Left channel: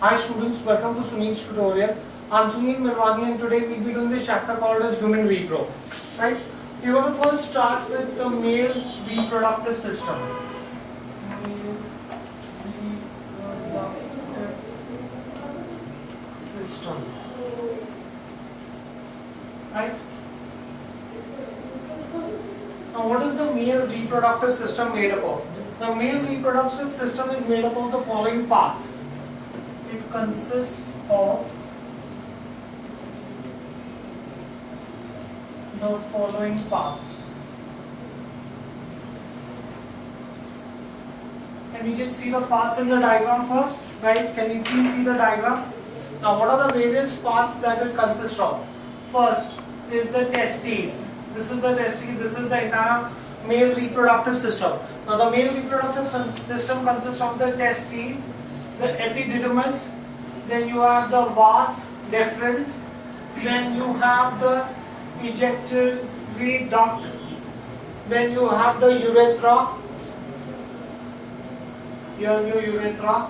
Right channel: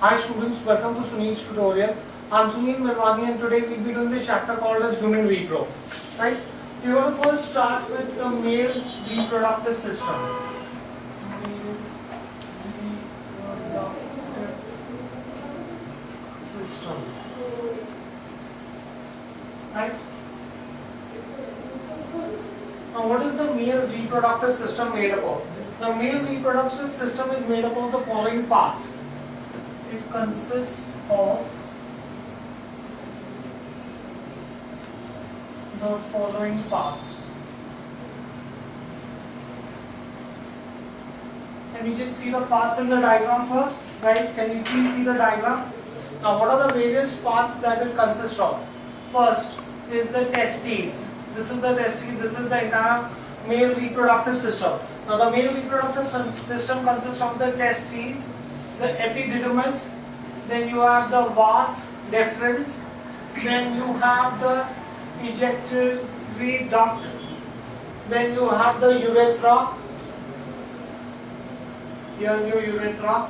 Hi students, welcome to Sunil's tutorial. I'm Sunil Mirwani and today we'll be doing this chapter called as human repro. Right? We want to first start with the male reproductive system. Male reproductive system. Right? Now what is the male reproductive system made up of? The male reproductive system is made up of the following parts. It consists of the following parts. Can we just see the parts in the diagram first? Guys, can you please see the diagram? Now what are the various parts that it consists of? First is the testes. This is the testes, this is the entire male reproductive system. Now the male reproductive system consists of the testes, the epididymis, then you have the vas deferens, then you have the ejaculatory duct, then you have the urethra. Here's your urethra.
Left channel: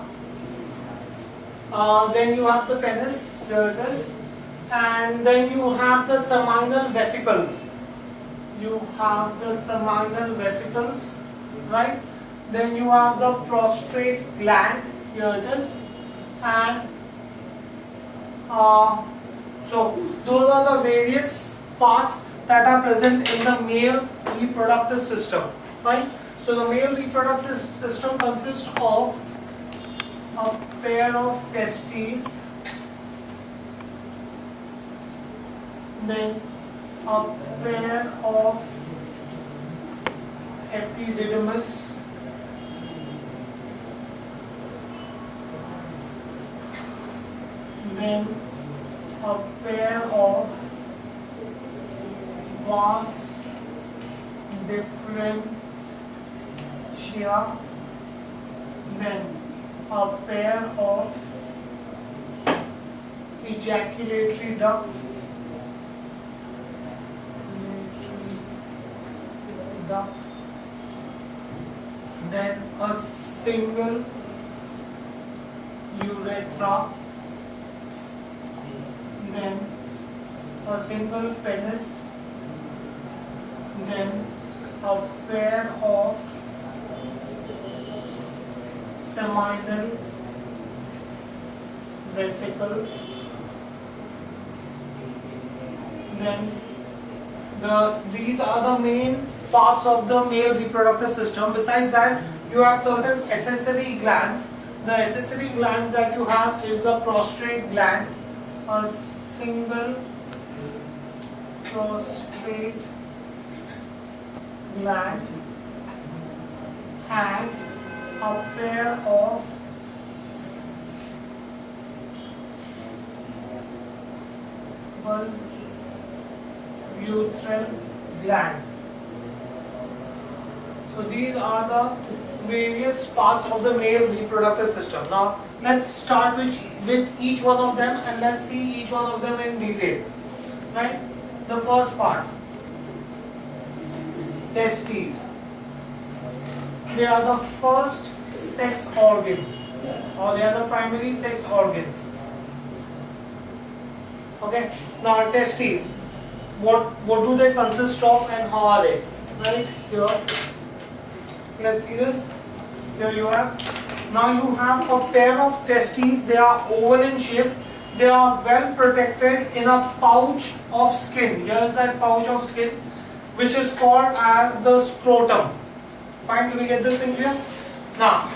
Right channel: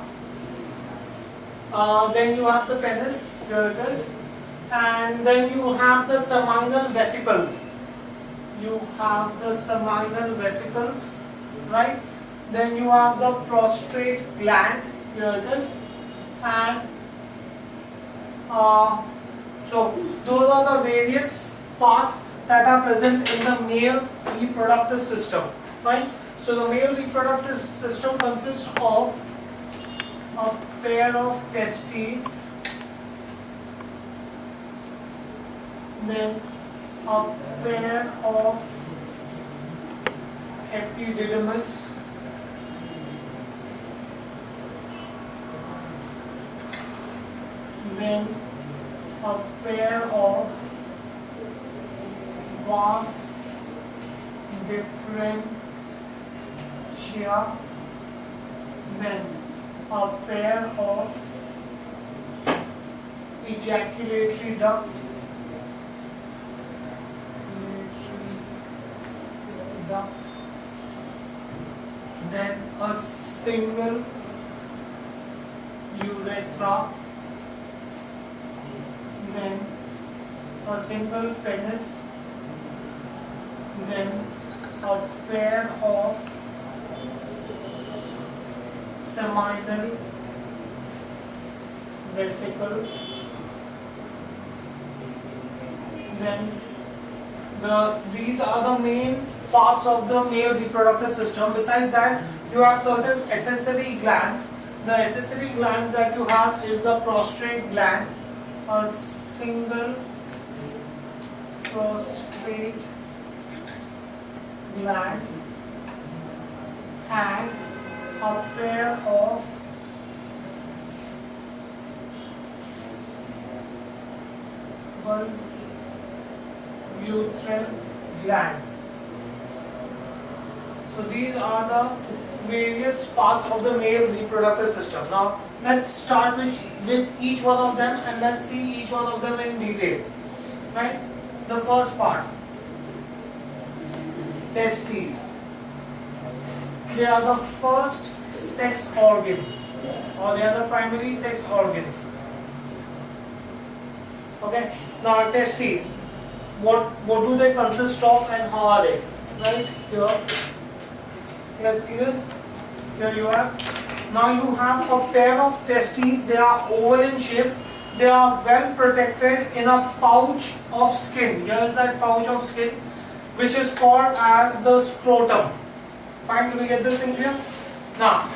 Then you have the penis, here it is, and then you have the seminal vesicles. You have the seminal vesicles, right? Then you have the prostate gland, here it is, and so those are the various parts that are present in the male reproductive system, right? So the male reproductive system consists of a pair of testes, then a pair of epididymis, then a pair of vas differentia, then a pair of ejaculatory duct, then a single urethra, then a single penis, then a pair of seminal vesicles, then these are the main parts of the male reproductive system. Besides that, you have certain accessory glands. The accessory glands that you have is the prostate gland, a single prostate gland, and a pair of urethral gland. So these are the various parts of the male reproductive system. Now let's start with each one of them and let's see each one of them in detail. Right? The first part, testes. They are the first sex organs, or they are the primary sex organs. Okay. Now testes, what do they consist of and how are they? Right here. Let's see this. Here you have. Now you have a pair of testes. They are oval in shape. They are well protected in a pouch of skin. Here is that pouch of skin, which is called as the scrotum. Fine, do we get this in here? Now,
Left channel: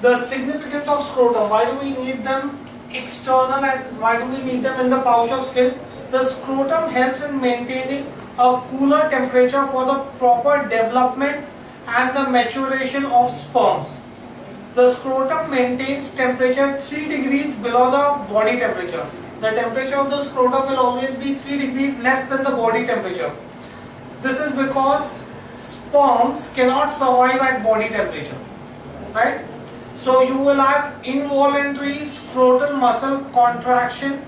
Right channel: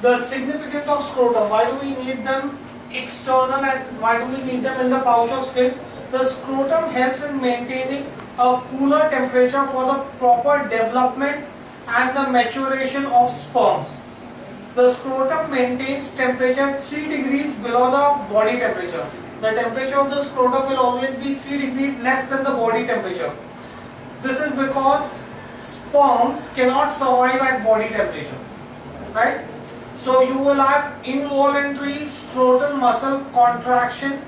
the significance of scrotum. Why do we need them external and why do we need them in the pouch of skin? The scrotum helps in maintaining a cooler temperature for the proper development and the maturation of sperms. The scrotum maintains temperature 3 degrees below the body temperature. The temperature of the scrotum will always be 3 degrees less than the body temperature. This is because sperms cannot survive at body temperature, right? So you will have involuntary scrotal muscle contraction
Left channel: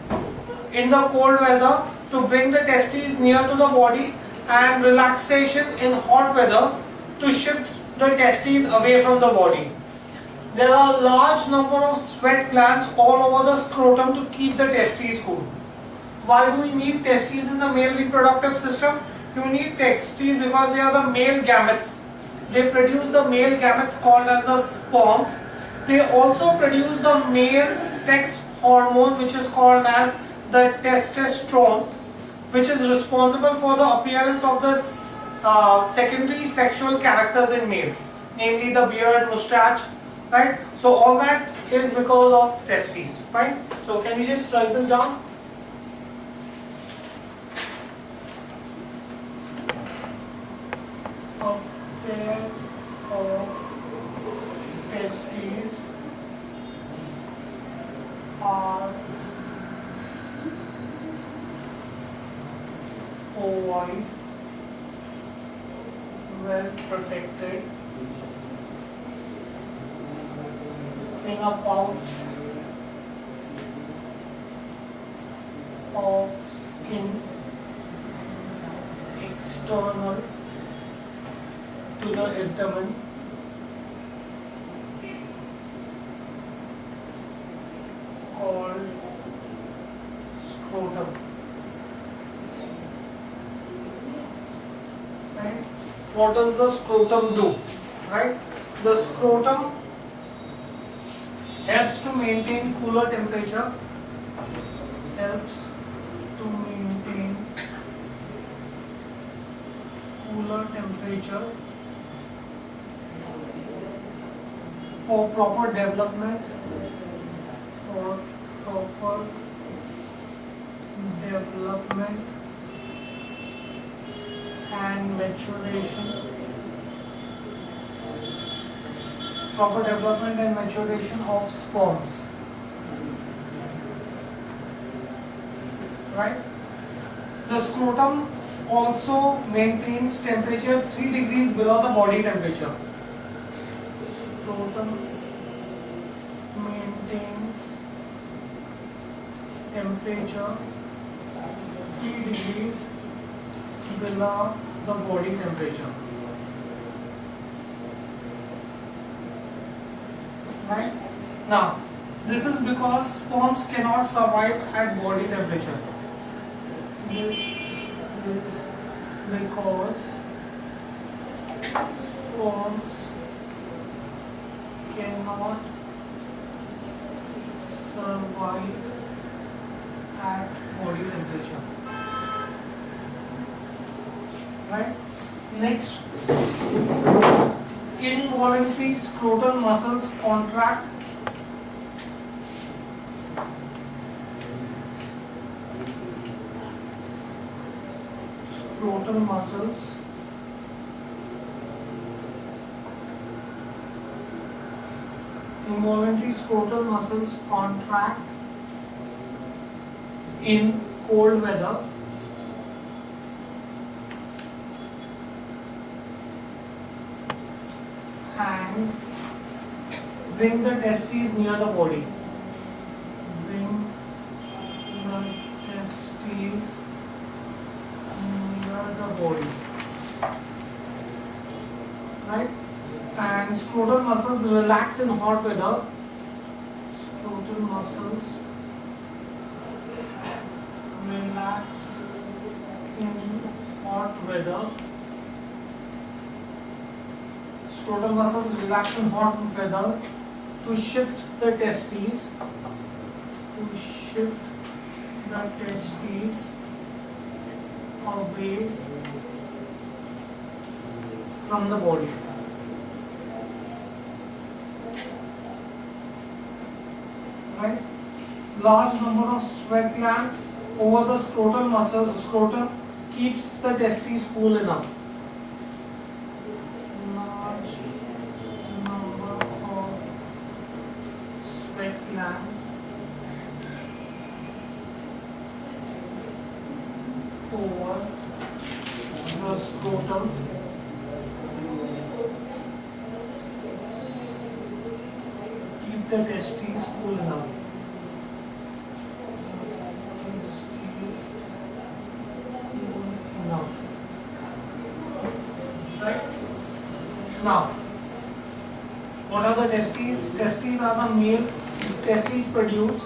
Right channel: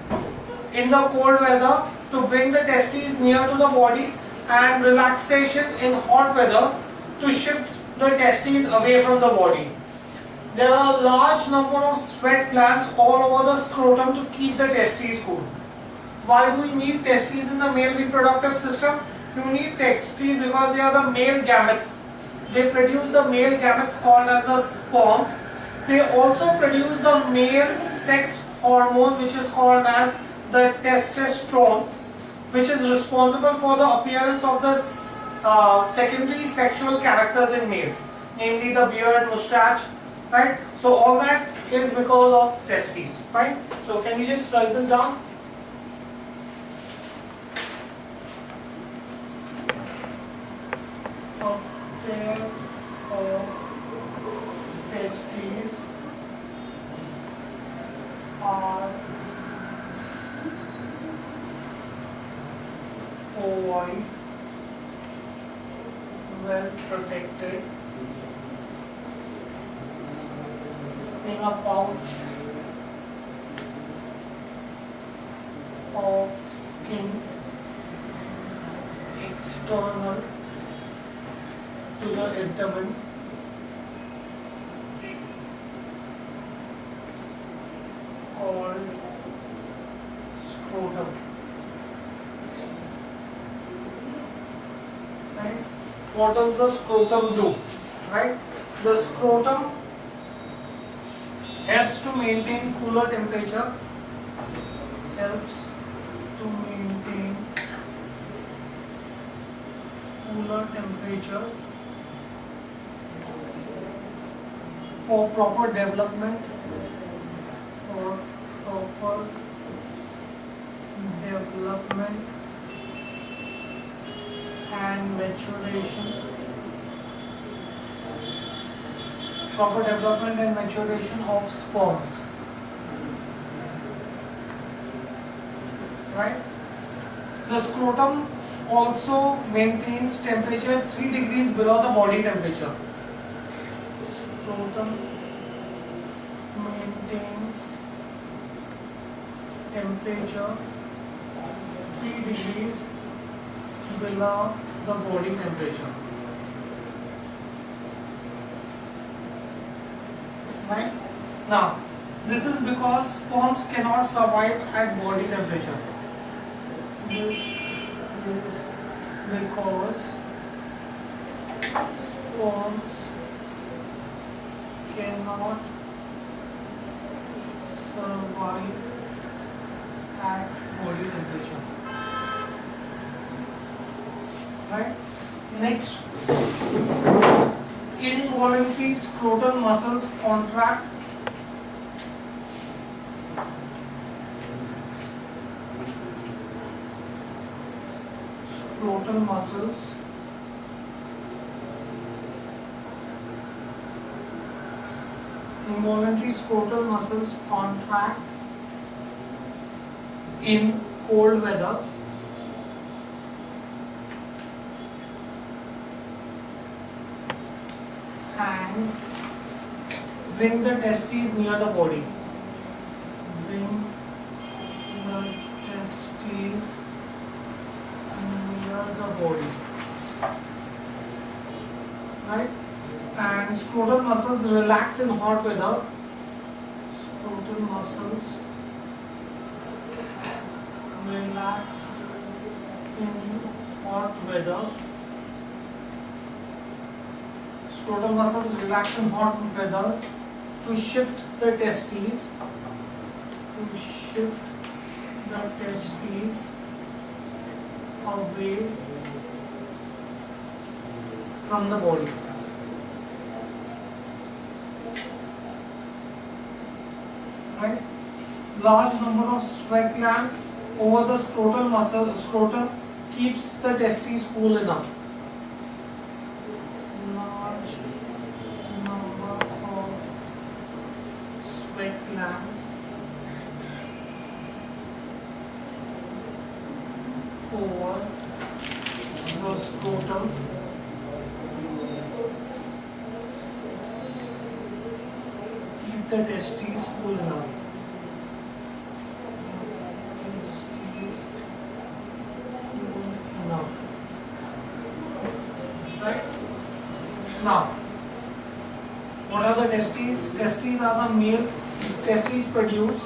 in the cold weather to bring the testes near to the body, and relaxation in hot weather to shift the testes away from the body. There are a large number of sweat glands all over the scrotum to keep the testes cool. Why do we need testes in the male reproductive system? You need testes because they are the male gametes. They produce the male gametes called as the sperms. They also produce the male sex hormone which is called as the testosterone, which is responsible for the appearance of the secondary sexual characters in males, namely the beard, mustache, right? So all that is because of testes, right? So can you just write this down? A pair of testes are ovoid, well protected in a pouch of skin external to the abdomen, called scrotum. Right? What does the scrotum do? Right? The scrotum helps to maintain cooler temperature, helps to maintain cooler temperature for proper development, and maturation, proper development and maturation of sperms, right? The scrotum also maintains temperature 3 degrees below the body temperature. Scrotum maintains temperature 3 degrees below the body temperature. Right? Now, this is because sperms cannot survive at body temperature. This is because sperms cannot survive at body temperature. Right? Next, involuntary scrotal muscles contract scrotal muscles involuntary scrotal muscles contract in cold weather and bring the testes near the body. Bring the testes near the body. Right? And scrotal muscles relax in hot weather. Scrotal muscles relax in hot weather. Scrotal muscles relax in hot weather to shift the testes, away from the body. Right? Large number of sweat glands over the scrotum keeps the testes cool enough. Large number of sweat glands over the scrotum keep the testes cool enough. Right? Now, what are the testes? testes are the male. Testes produce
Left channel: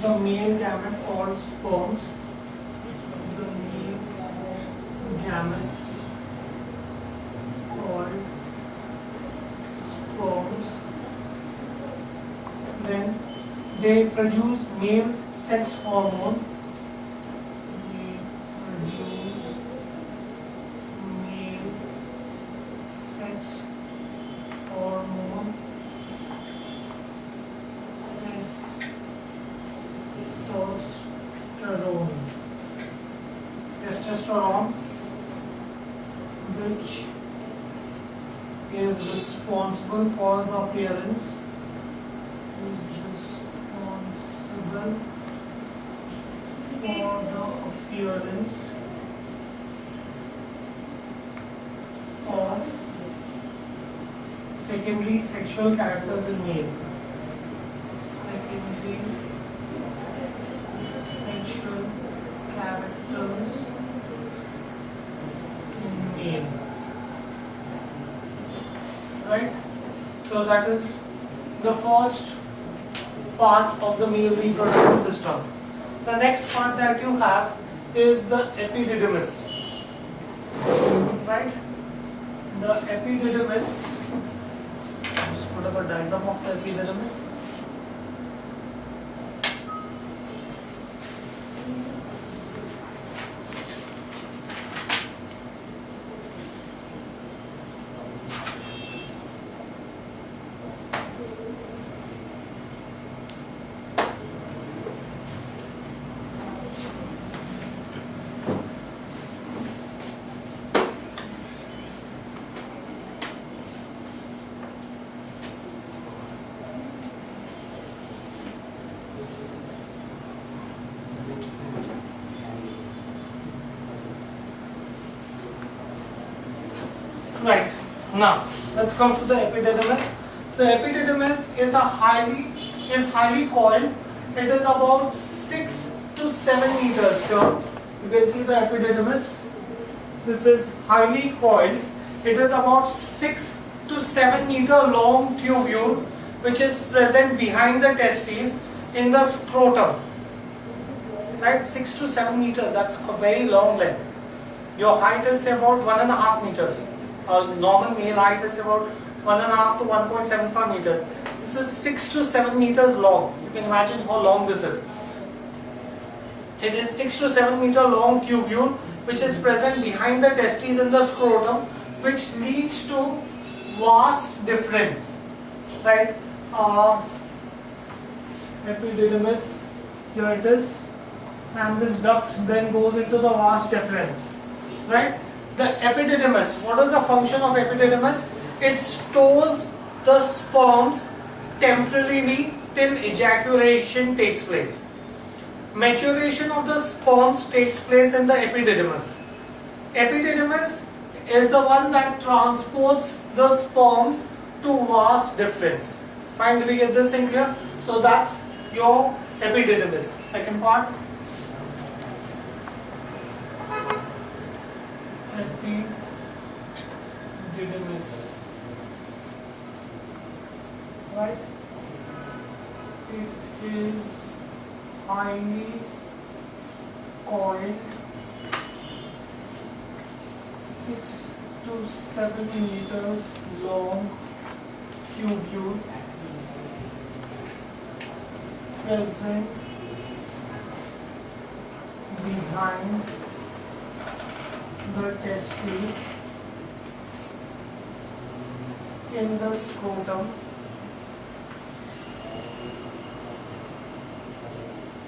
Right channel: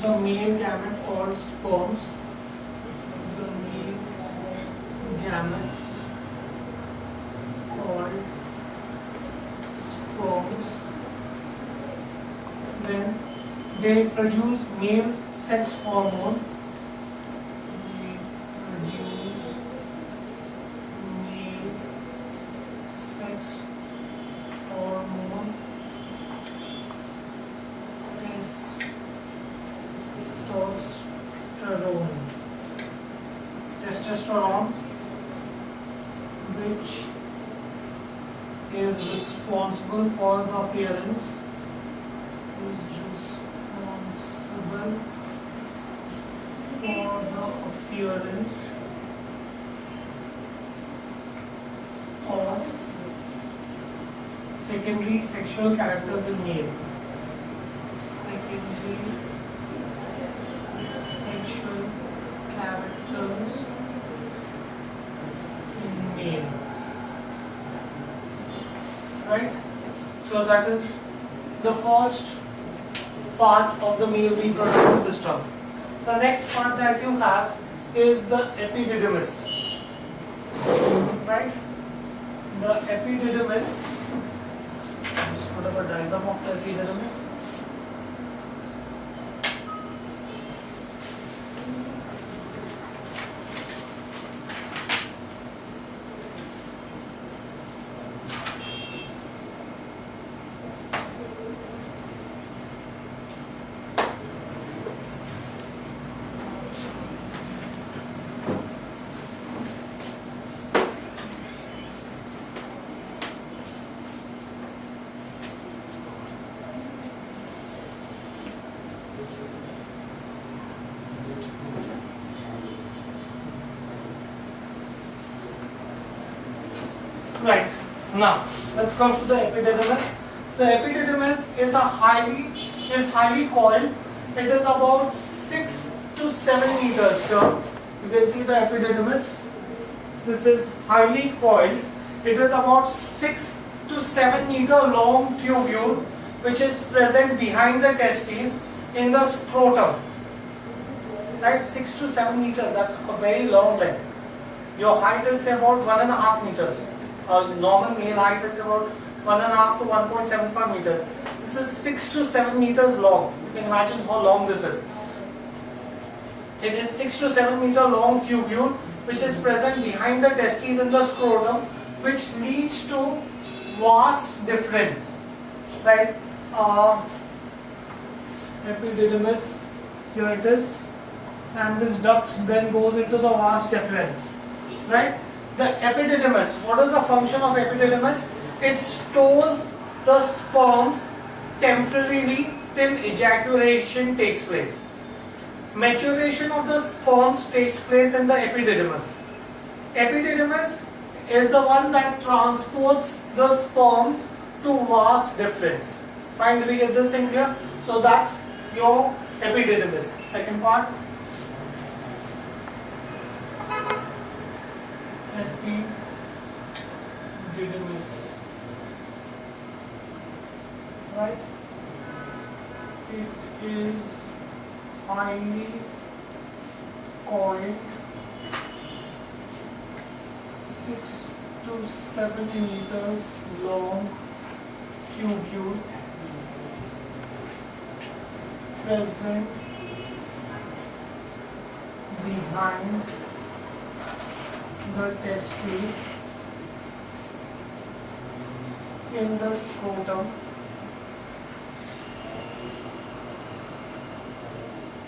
the male gamete called sperms. The male gametes called sperms. Then they produce male sex hormone. They produce male sex hormone. Testosterone, which is responsible for the appearance, of secondary sexual characters in male. Secondary sexual characters in male. Right? So that is the first part of the male reproductive system. The next part that you have is the epididymis. Right? The epididymis, just put up a diagram of the epididymis. Right, now let's come to the epididymis. The epididymis is highly coiled. It is about 6 to 7 meters here. You can see the epididymis. This is highly coiled. It is about 6 to 7 meter long tubule which is present behind the testes in the scrotum. Right, 6 to 7 meters, that's a very long length. Your height is about 1.5 meters. Normal male height is about 1.5 to 1.75 meters. This is 6 to 7 meters long. You can imagine how long this is. It is 6 to 7 meter long tubule which is present behind the testes in the scrotum, which leads to vas deferens. Right? Epididymis, here it is, and this duct then goes into the vas deferens. Right? The epididymis, what is the function of epididymis? It stores the sperms temporarily till ejaculation takes place. Maturation of the sperms takes place in the epididymis. Epididymis is the one that transports the sperms to vas deferens. Fine, do we get this thing clear? So that's your epididymis. Second part. Epididymis. Right? It is highly coiled, 6 to 7 meters long tubule present behind the testes in the scrotum,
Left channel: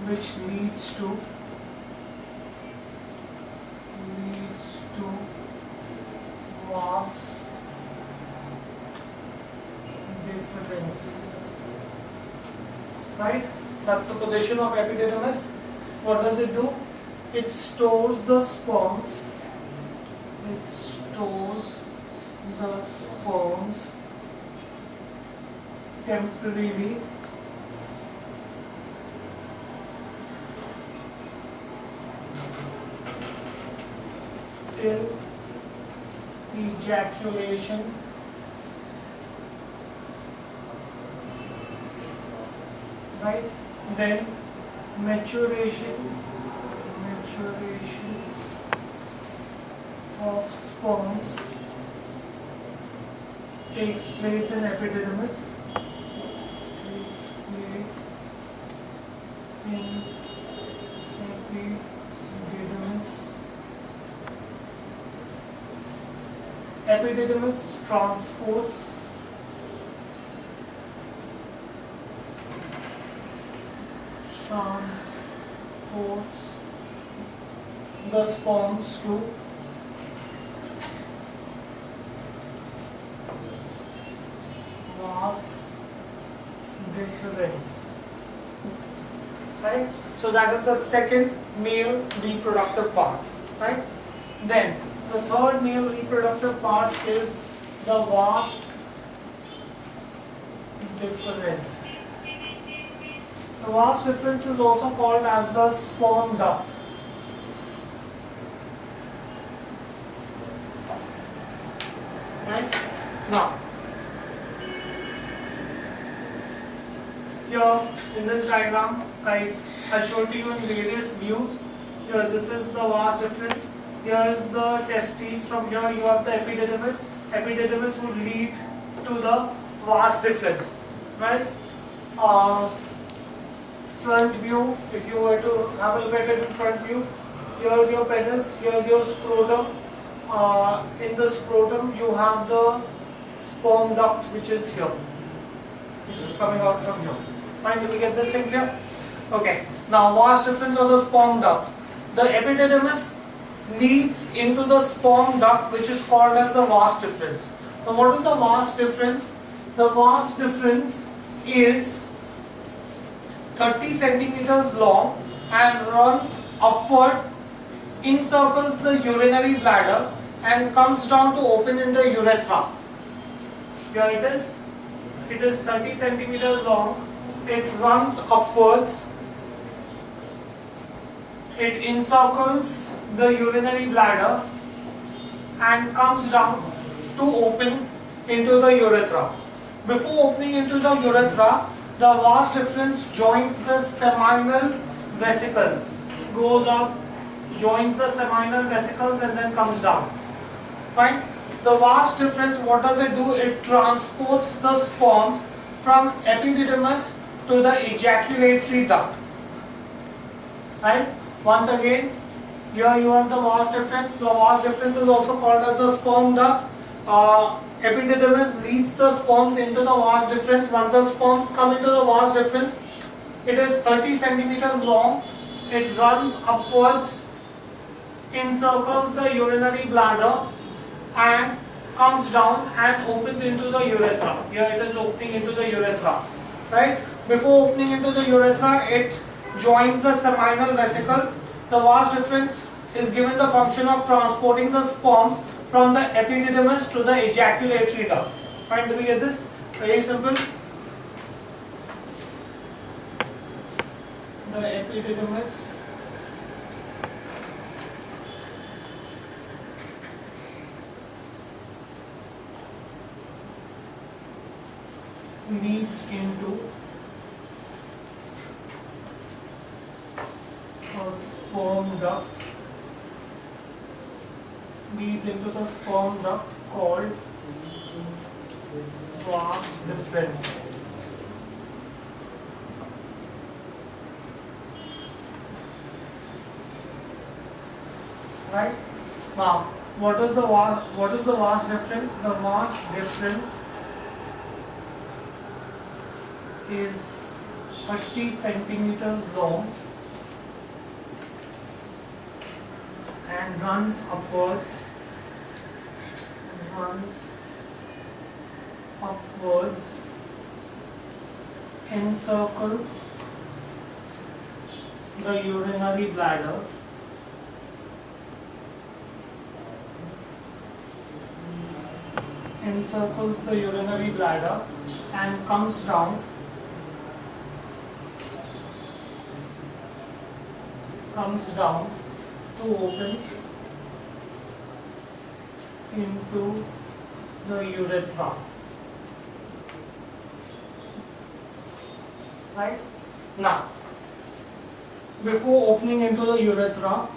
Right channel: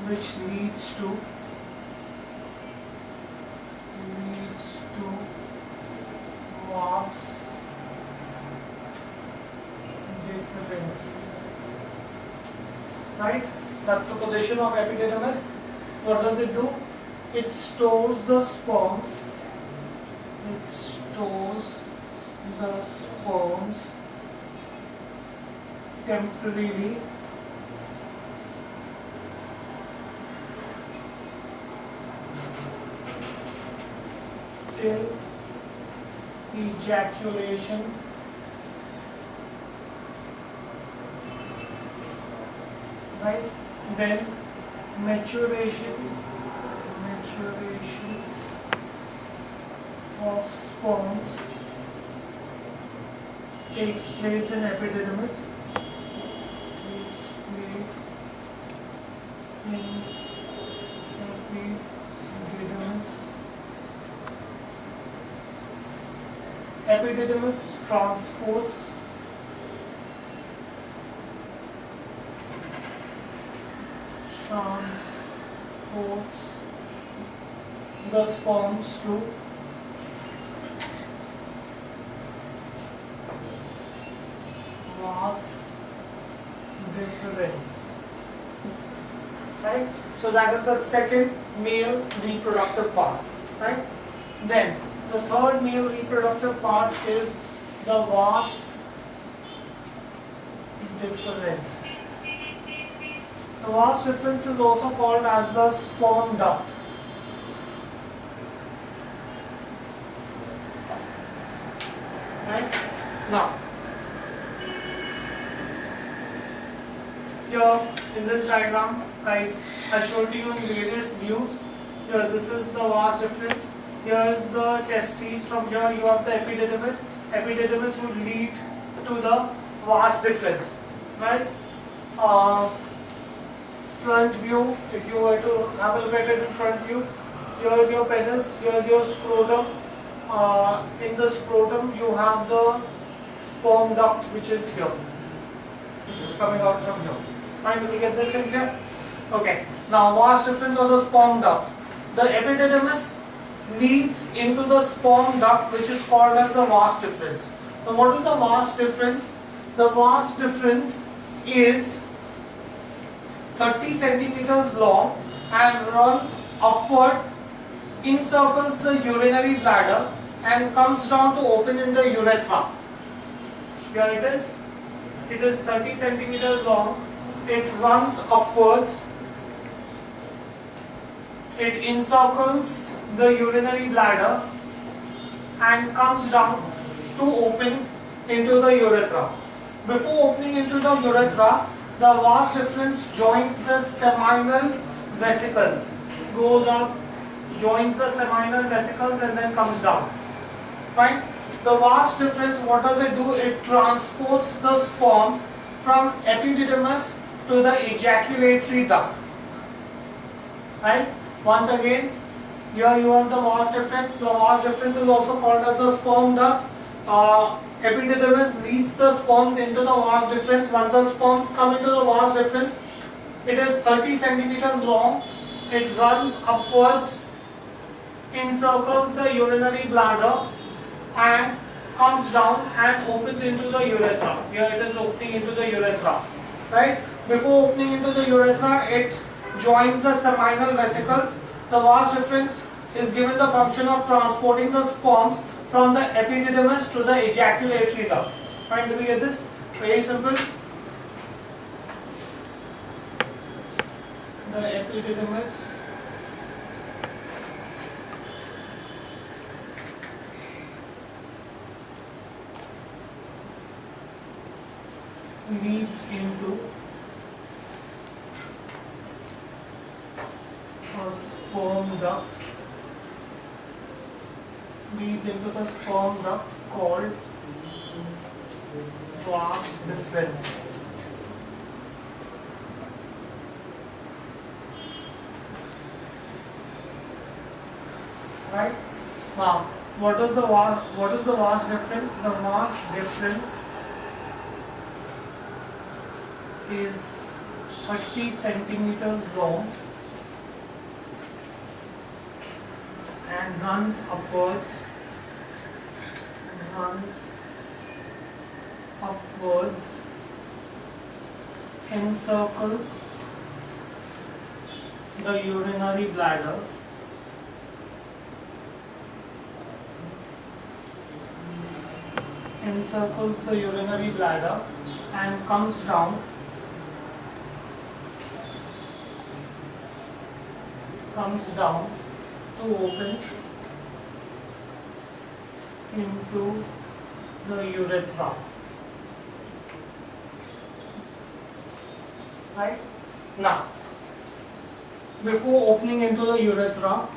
which leads to vas deferens. Right? That's the position of epididymis. What does it do? It stores the sperms. It stores the sperms temporarily till ejaculation, right? Then maturation of sperms takes place in epididymis. Epididymis transports the sperms to vas deferens. Right? So that is the second male reproductive part. Right? Then the third male reproductive part is the vas deferens. The vas deferens is also called as the sperm duct. Right? Now, here in this diagram, guys, I showed you in various views. Here, this is the vas deferens. Here is the testes. From here, you have the epididymis. Epididymis would lead to the vas deferens, right? Front view. If you were to have a look at it in front view, here's your penis. Here's your scrotum. In the scrotum, you have the sperm duct, which is here, which is coming out from here. Fine, did we get this in here? Okay. Now, vas deferens or the sperm duct. The epididymis leads into the sperm duct, which is called as the vas deferens. Now, what is the vas deferens? The vas deferens is 30 centimeters long and runs upward, encircles the urinary bladder and comes down to open in the urethra. Here it is. It is 30 centimeters long. It runs upwards. It encircles the urinary bladder and comes down to open into the urethra. Before opening into the urethra, the vas deferens joins the seminal vesicles, goes up, joins the seminal vesicles and then comes down. Fine. The vas deferens, what does it do? It transports the sperms from epididymis to the ejaculatory duct. Right? Once again, here you have the vas deferens. The vas deferens is also called as the sperm duct. Epididymis leads the sperms into the vas deferens. Once the sperms come into the vas deferens, it is 30 centimeters long. It runs upwards, encircles the urinary bladder and comes down and opens into the urethra. Here it is opening into the urethra. Right? Before opening into the urethra, it joins the seminal vesicles. The vas deferens is given the function of transporting the sperms from the epididymis to the ejaculatory duct. Fine, do we get this? Very simple. The epididymis leads into a sperm duct, called vas deferens. Right? Now, what is the vas deferens? The vas deferens is 30 centimeters long and runs upwards, encircles the urinary bladder and comes down to open into the urethra. Right? Now, before opening into the urethra,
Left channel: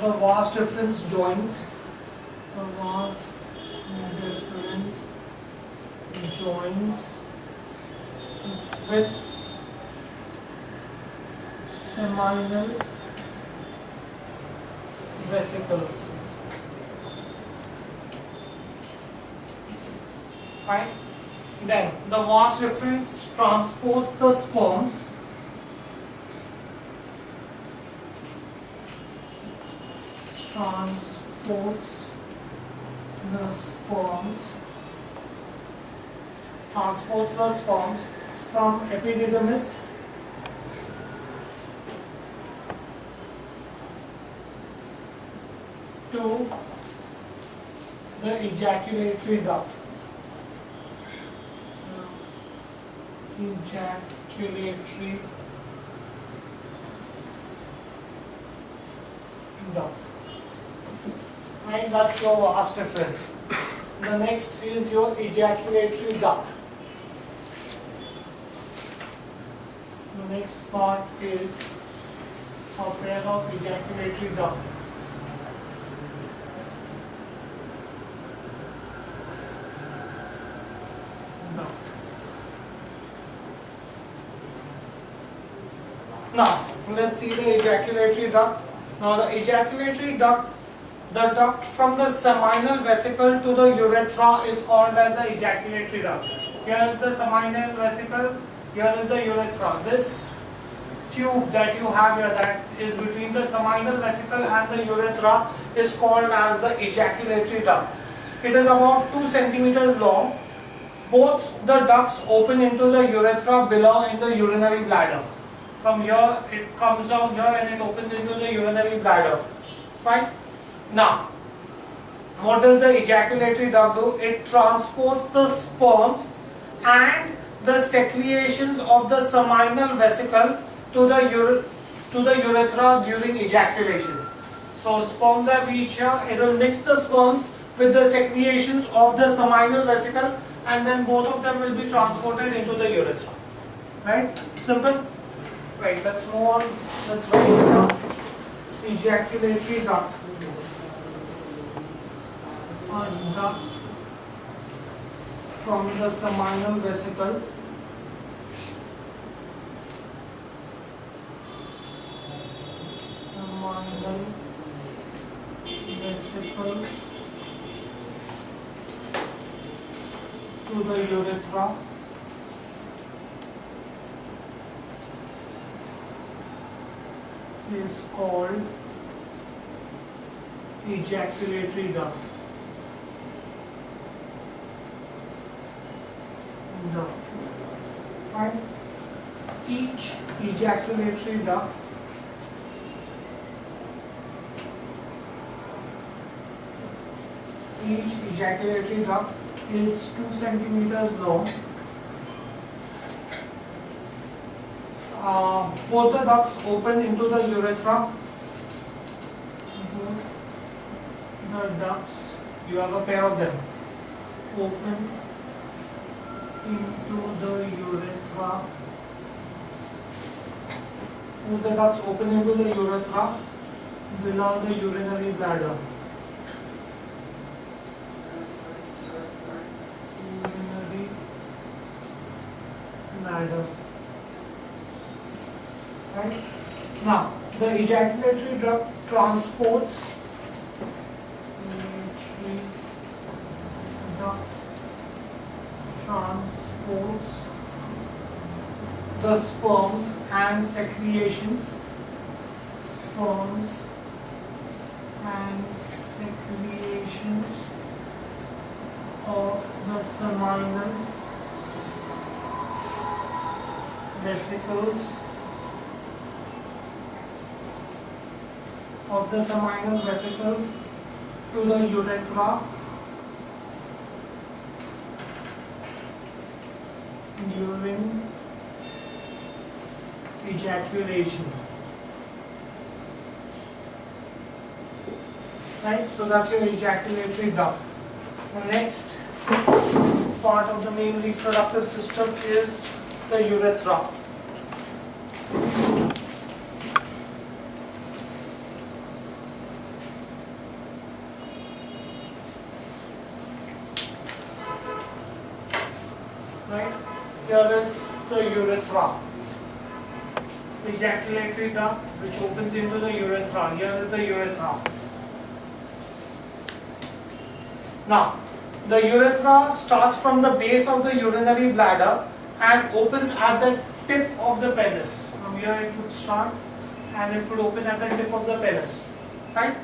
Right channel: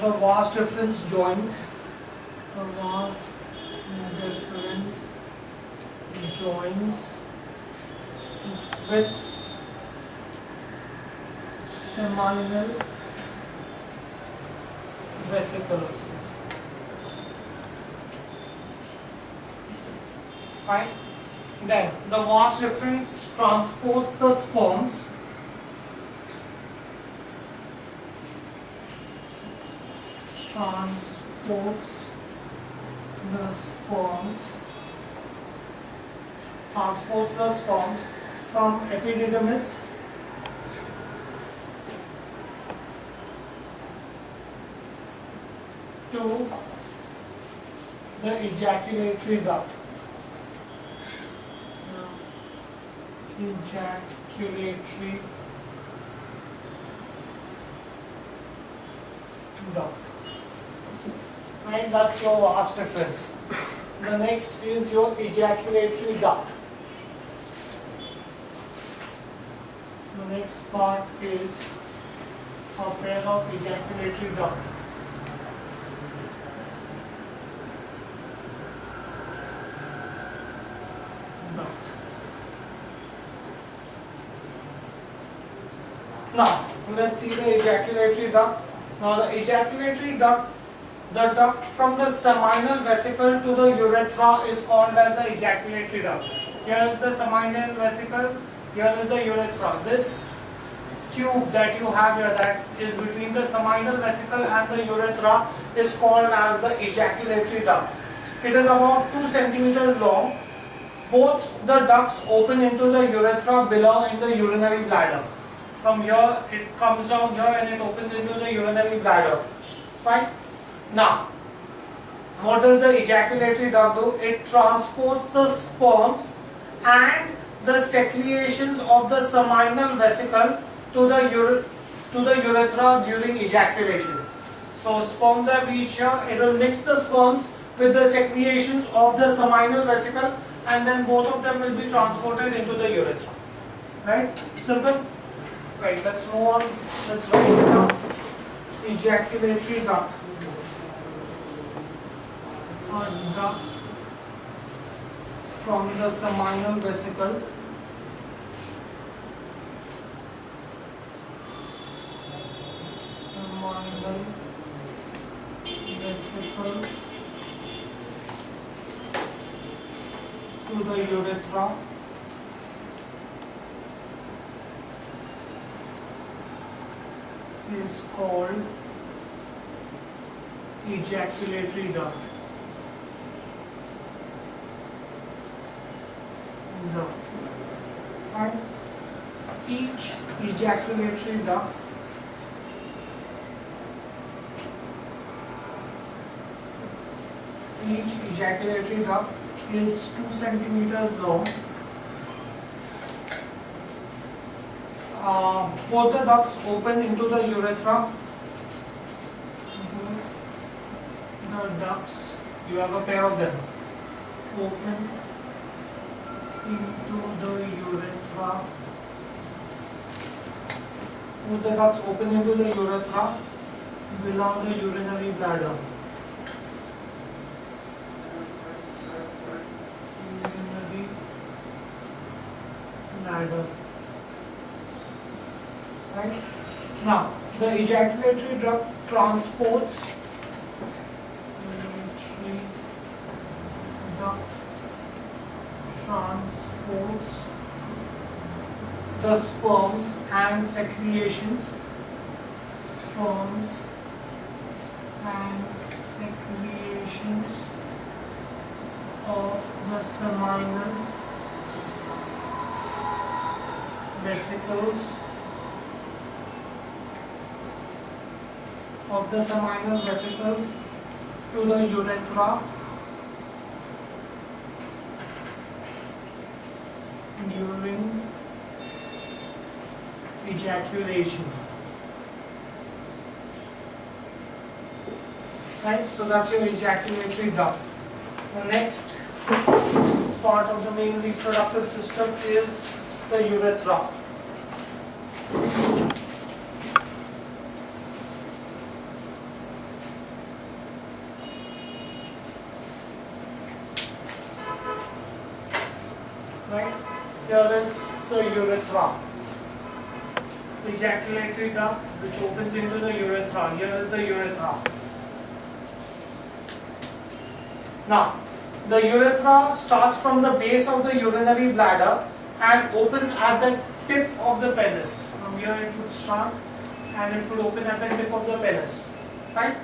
the vas deferens joins with seminal vesicles. Fine. Then the vas deferens transports the sperms from epididymis to the ejaculatory duct. Ejaculatory duct. Right, that's your vas deferens. The next is your ejaculatory duct. The next part is a pair of ejaculatory duct. Now, let's see the ejaculatory duct. Now, the ejaculatory duct, the duct from the seminal vesicle to the urethra is called as the ejaculatory duct. Here is the seminal vesicle, here is the urethra. This tube that you have here, that is between the seminal vesicle and the urethra, is called as the ejaculatory duct. It is about 2 centimeters long. Both the ducts open into the urethra below in the urinary bladder. From here it comes down here and it opens into the urinary bladder. Fine. Now, what does the ejaculatory duct do? It transports the sperms and the secretions of the seminal vesicle to the urethra during ejaculation. So sperms have reached here, it will mix the sperms with the secretions of the seminal vesicle, and then both of them will be transported into the urethra. Right? Simple? Right, let's move on. Let's write it down. Ejaculatory duct. A duct from the seminal vesicle vesicles to the urethra is called ejaculatory duct. And each ejaculatory duct is 2 centimeters long. Both the ducts open into the urethra. Both the ducts, you have a pair of them, open into the urethra. Both the ducts open into the urethra below the urinary bladder. Urinary bladder. Right? Now, the ejaculatory duct transports the sperms and secretions of the seminal vesicles to the urethra urine ejaculation. Right, so that's your ejaculatory duct. The next part of the male reproductive system is the urethra. Right, here is the urethra. The ejaculatory duct which opens into the urethra. Here is the urethra. Now, the urethra starts from the base of the urinary bladder and opens at the tip of the penis. From here it would start and it would open at the tip of the penis. Right?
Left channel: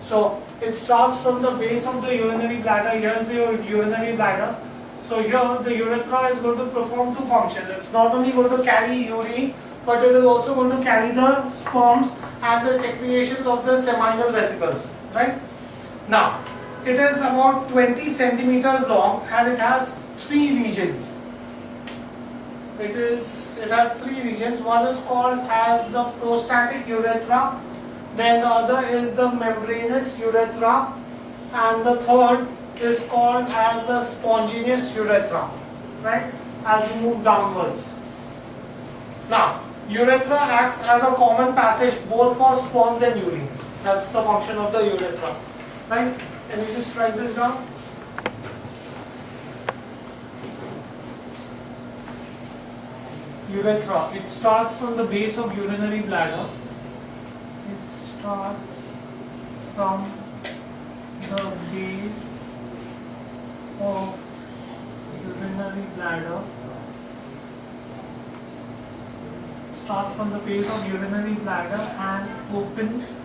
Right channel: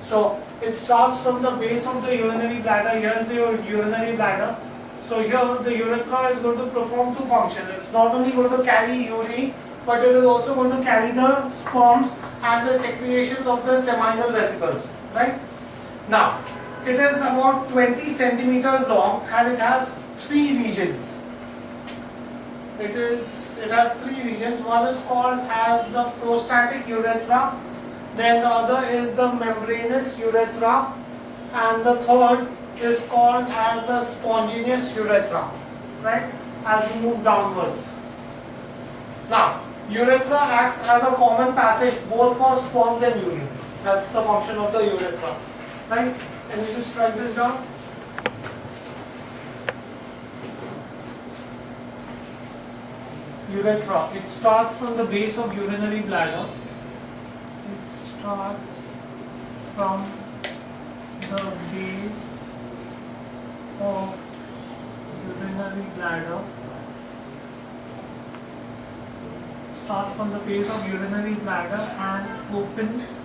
So, it starts from the base of the urinary bladder. Here is the urinary bladder. So, here the urethra is going to perform two functions. It's not only going to carry urine, but it is also going to carry the sperms and the secretions of the seminal vesicles. Right? Now, it is about 20 centimeters long and it has three regions. It has three regions. One is called as the prostatic urethra, then the other is the membranous urethra, and the third is called as the spontaneous urethra. Right? As you move downwards. Now, urethra acts as a common passage both for sperms and urine. That's the function of the urethra. Right? Can you just write this down? Urethra. It starts from the base of urinary bladder. It starts from the base of urinary bladder. Starts from the base of urinary bladder and opens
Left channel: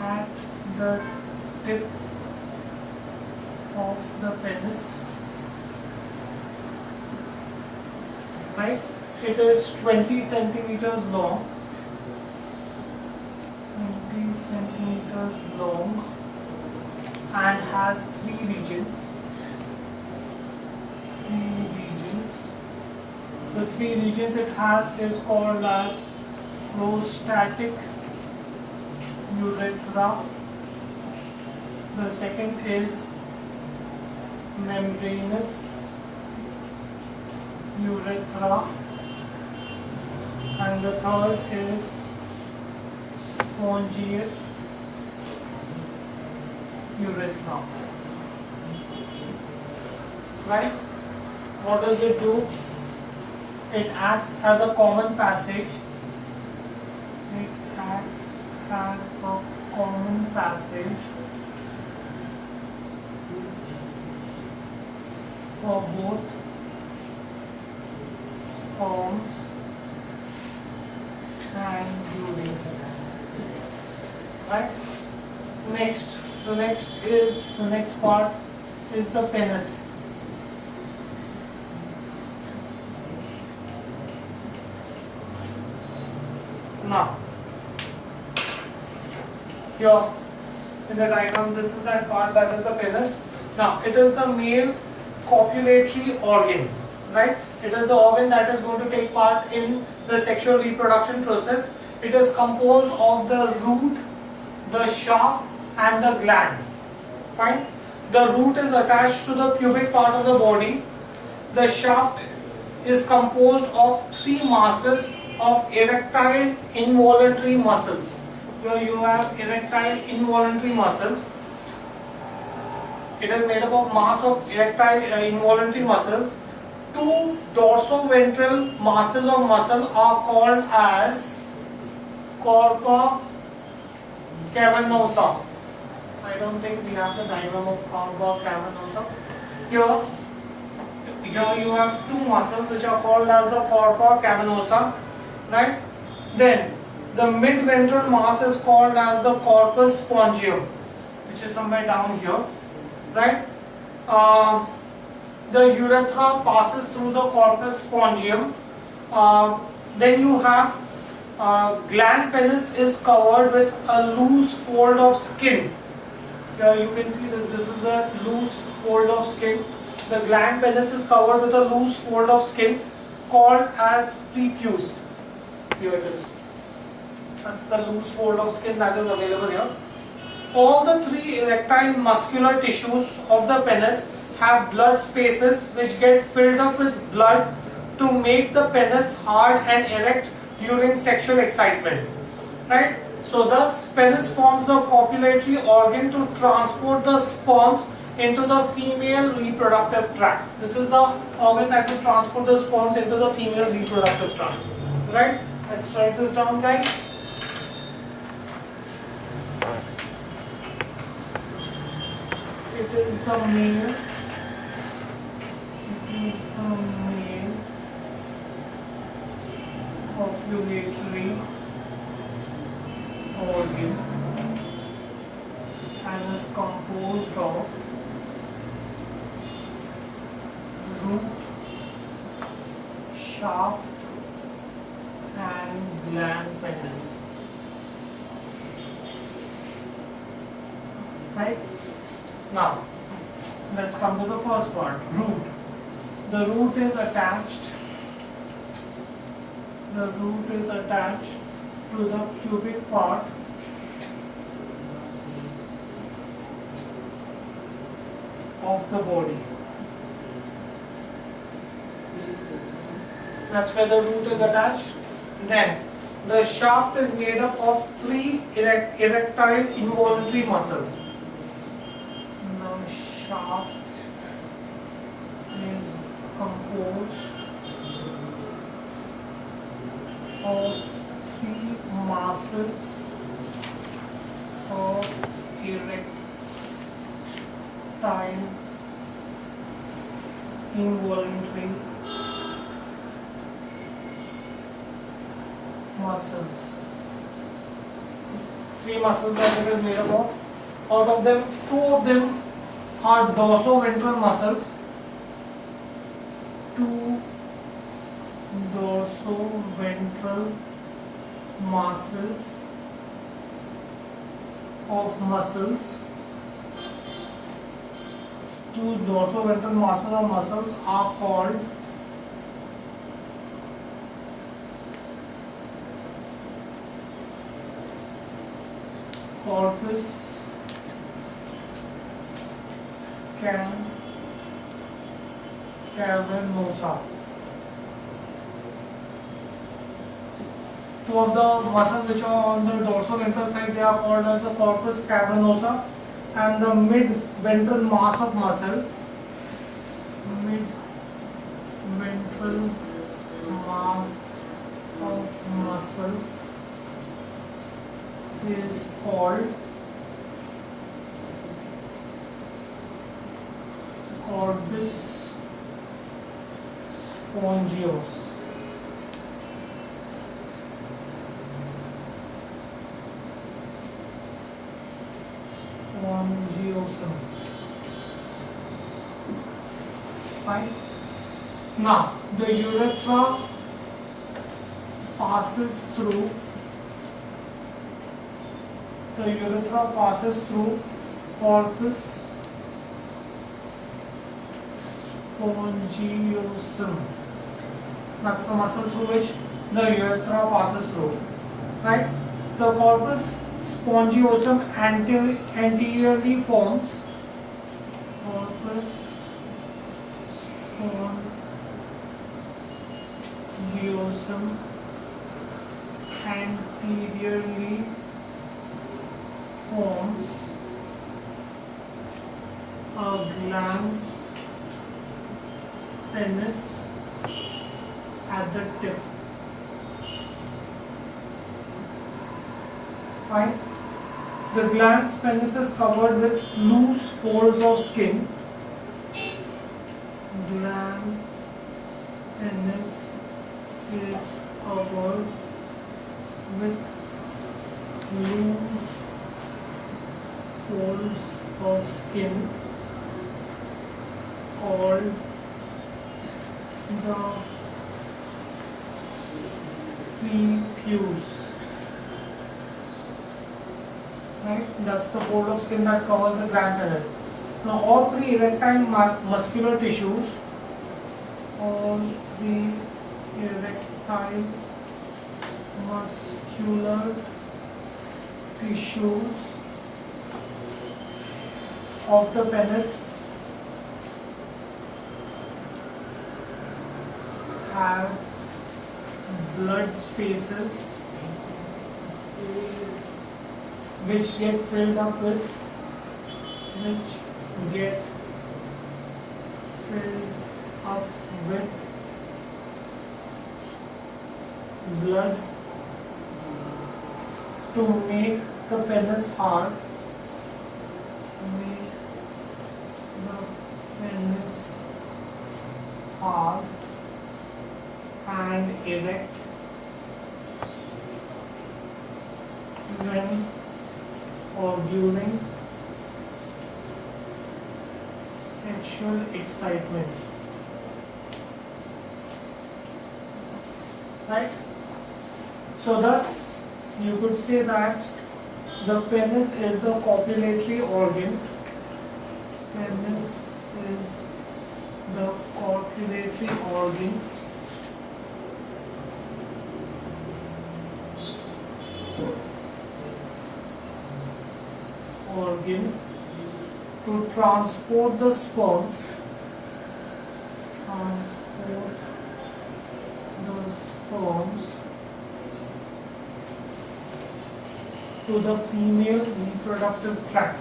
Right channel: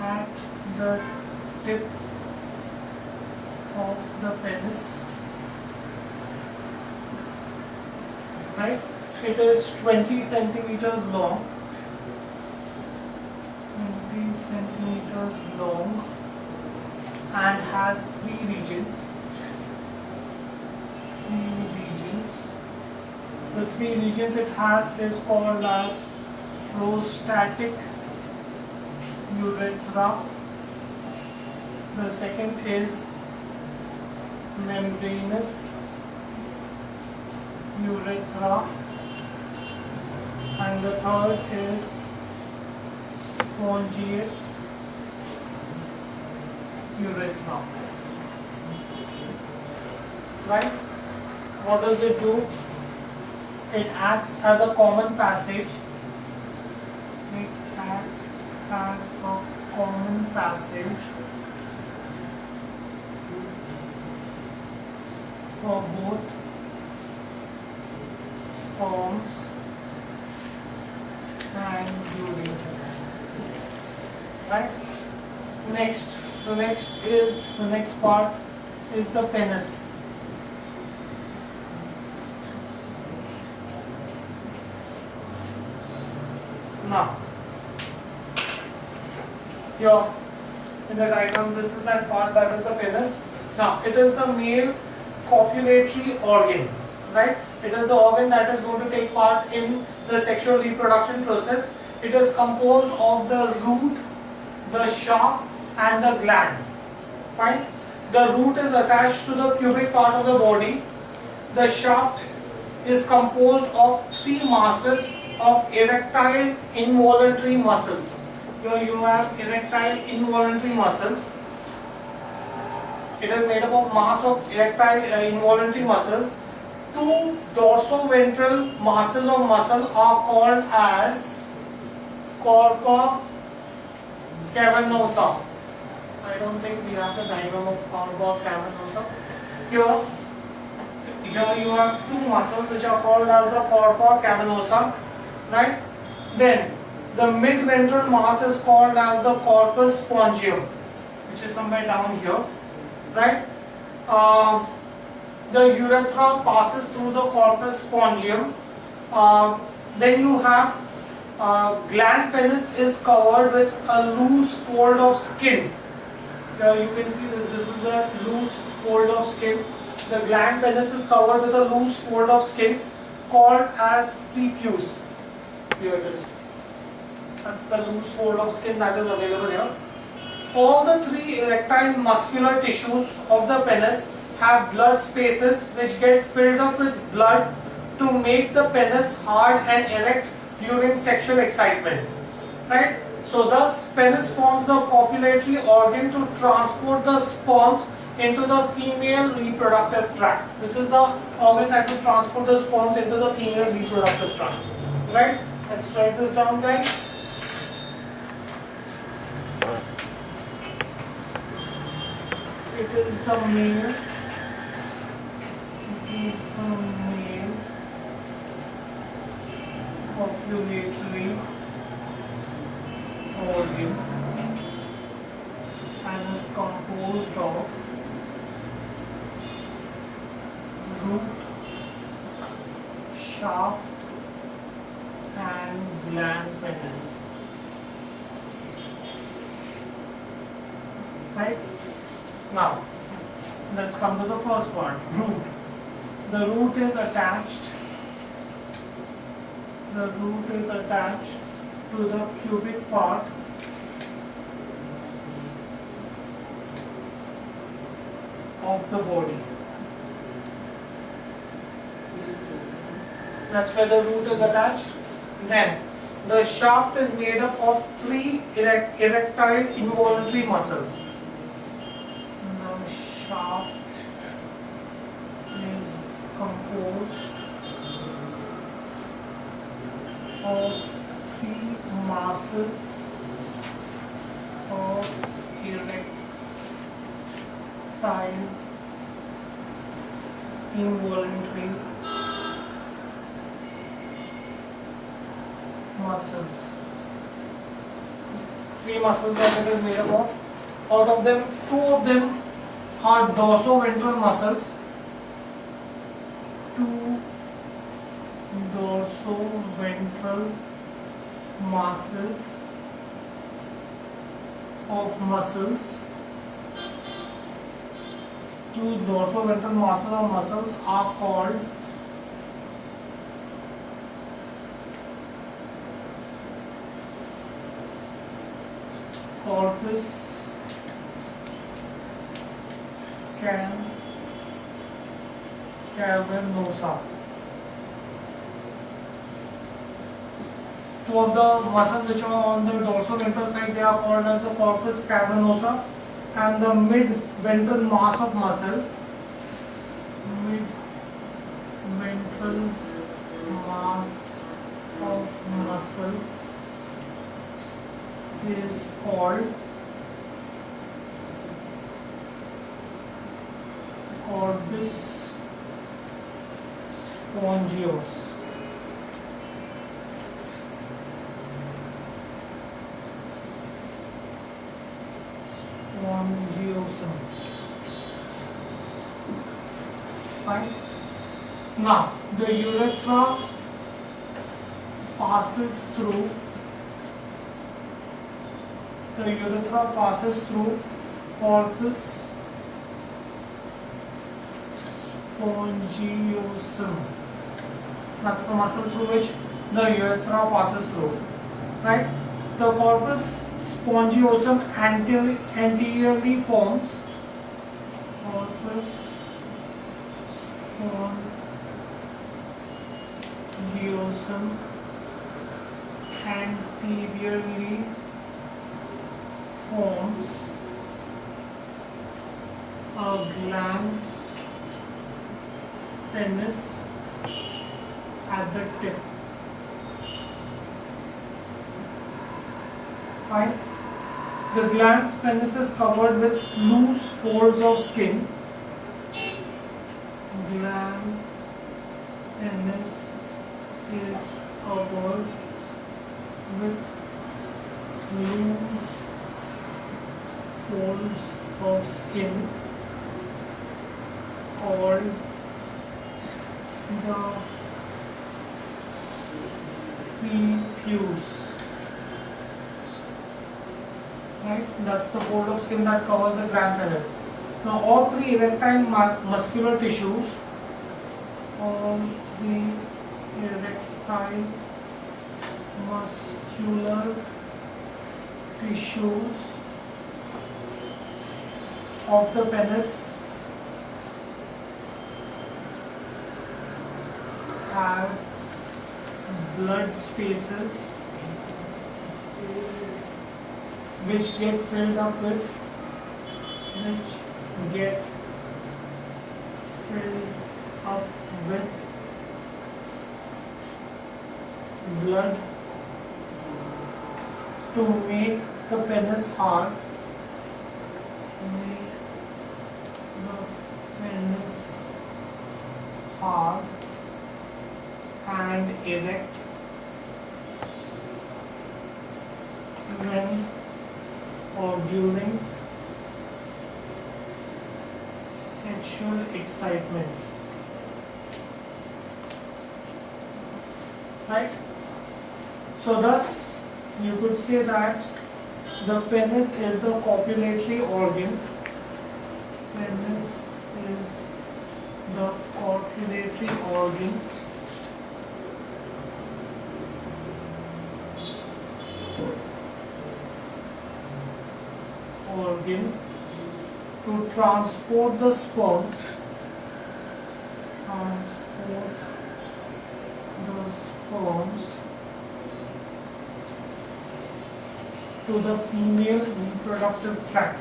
at the tip of the penis. Right? It is 20 centimeters long. 20 centimeters long and has three regions. The three regions it has is called as prostatic urethra. The second is membranous urethra, and the third is spongious urethra. Right? What does it do? It acts as a common passage. It acts as a common passage for both sperms and urine. Right? The next part is the penis. Now, here in the diagram, this is that part, that is the penis. Now, it is the male copulatory organ, right? It is the organ that is going to take part in the sexual reproduction process. It is composed of the root, the shaft and the gland. Fine? The root is attached to the pubic part of the body. The shaft is composed of three masses of erectile involuntary muscles. Here you have erectile involuntary muscles. It is made up of mass of erectile involuntary muscles. Two dorsoventral masses of muscle are called as corpora cavernosa. I don't think we have the diagram of corpora cavernosa. Here you have two muscles which are called as the corpora cavernosa. Right? Then the midventral mass is called as the corpus spongium, which is somewhere down here. Right? The urethra passes through the corpus spongium. Then you have gland penis is covered with a loose fold of skin. Here you can see this. This is a loose fold of skin. the gland penis is covered with a loose fold of skin called as prepuce. Here it is. That's the loose fold of skin that is available here. All the three erectile muscular tissues of the penis have blood spaces which get filled up with blood to make the penis hard and erect during sexual excitement. Right? So thus penis forms the copulatory organ to transport the sperms into the female reproductive tract. This is the organ that will transport the sperms into the female reproductive tract. Right? Let's write this down, guys. It is the male. Copulatory organ and is composed of root, shaft and gland penis. Right? Now, let's come to the first part, root. The root is attached. The root is attached to the pubic part of the body. That's where the root is attached. Then the shaft is made up of three erectile involuntary muscles. The shaft is composed of three masses of erectile involuntary muscles. Three muscles that it is made up of. Out of them, two of them are dorsoventral muscles. Two dorsoventral masses of muscles. Two dorsoventral masses of muscles are called corpus cavernosa. Two of the muscles which are on the dorsoventral side, they are called as the corpus cavernosa, and the mid-ventral mass of muscle, mid-ventral mass of muscle is called corpus spongios. Spongiosum. Fine. Now the urethra passes through. The urethra passes through corpus spongiosum. That's the muscle through which the urethra passes through. Right? The corpus spongiosum anteriorly forms. Corpus spongiosum anteriorly forms a glans penis at the tip. Fine. The glans penis is covered with loose folds of skin. Gland penis is covered with loose folds of skin called the prepuce. Right? That's the fold of skin that covers the gland penis. Now all three erectile muscular tissues, all the erectile muscular tissues of the penis have blood spaces which get filled up with blood to make the penis hard, and erect when or during sexual excitement. Right? So thus you could say that the penis is the copulatory organ. Penis is the copulatory organ to transport the sperms to the female reproductive tract.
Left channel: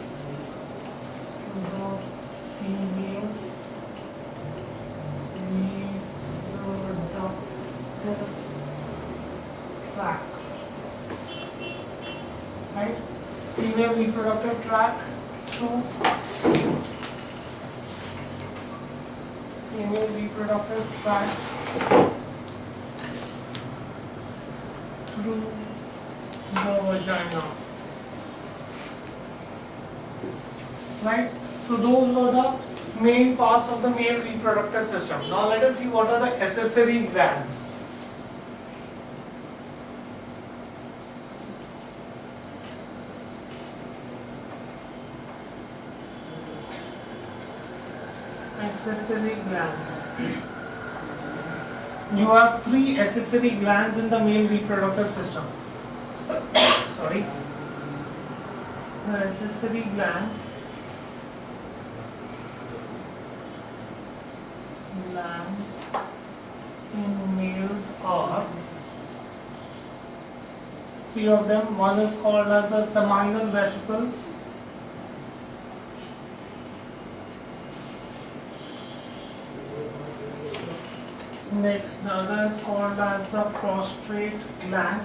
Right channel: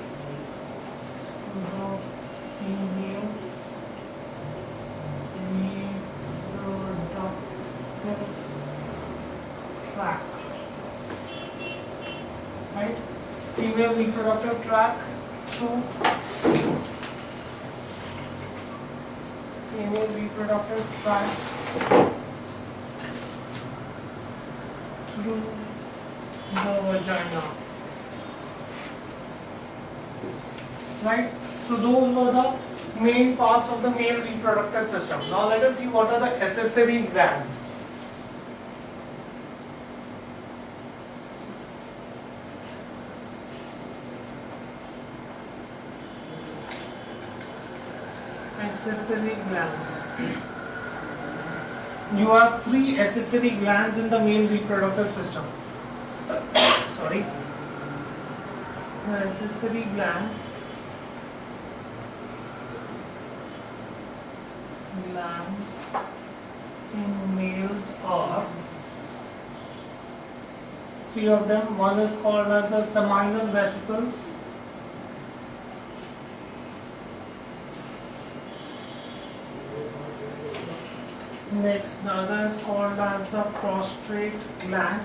Right? Female reproductive tract to female reproductive tract through the vagina. Right? So those were the main parts of the male reproductive system. Now let us see what are the accessory glands. Accessory glands. You have three accessory glands in the male reproductive system. Sorry. The accessory glands in males are three of them. One is called as the seminal vesicles. Next, the other is called as the prostrate gland,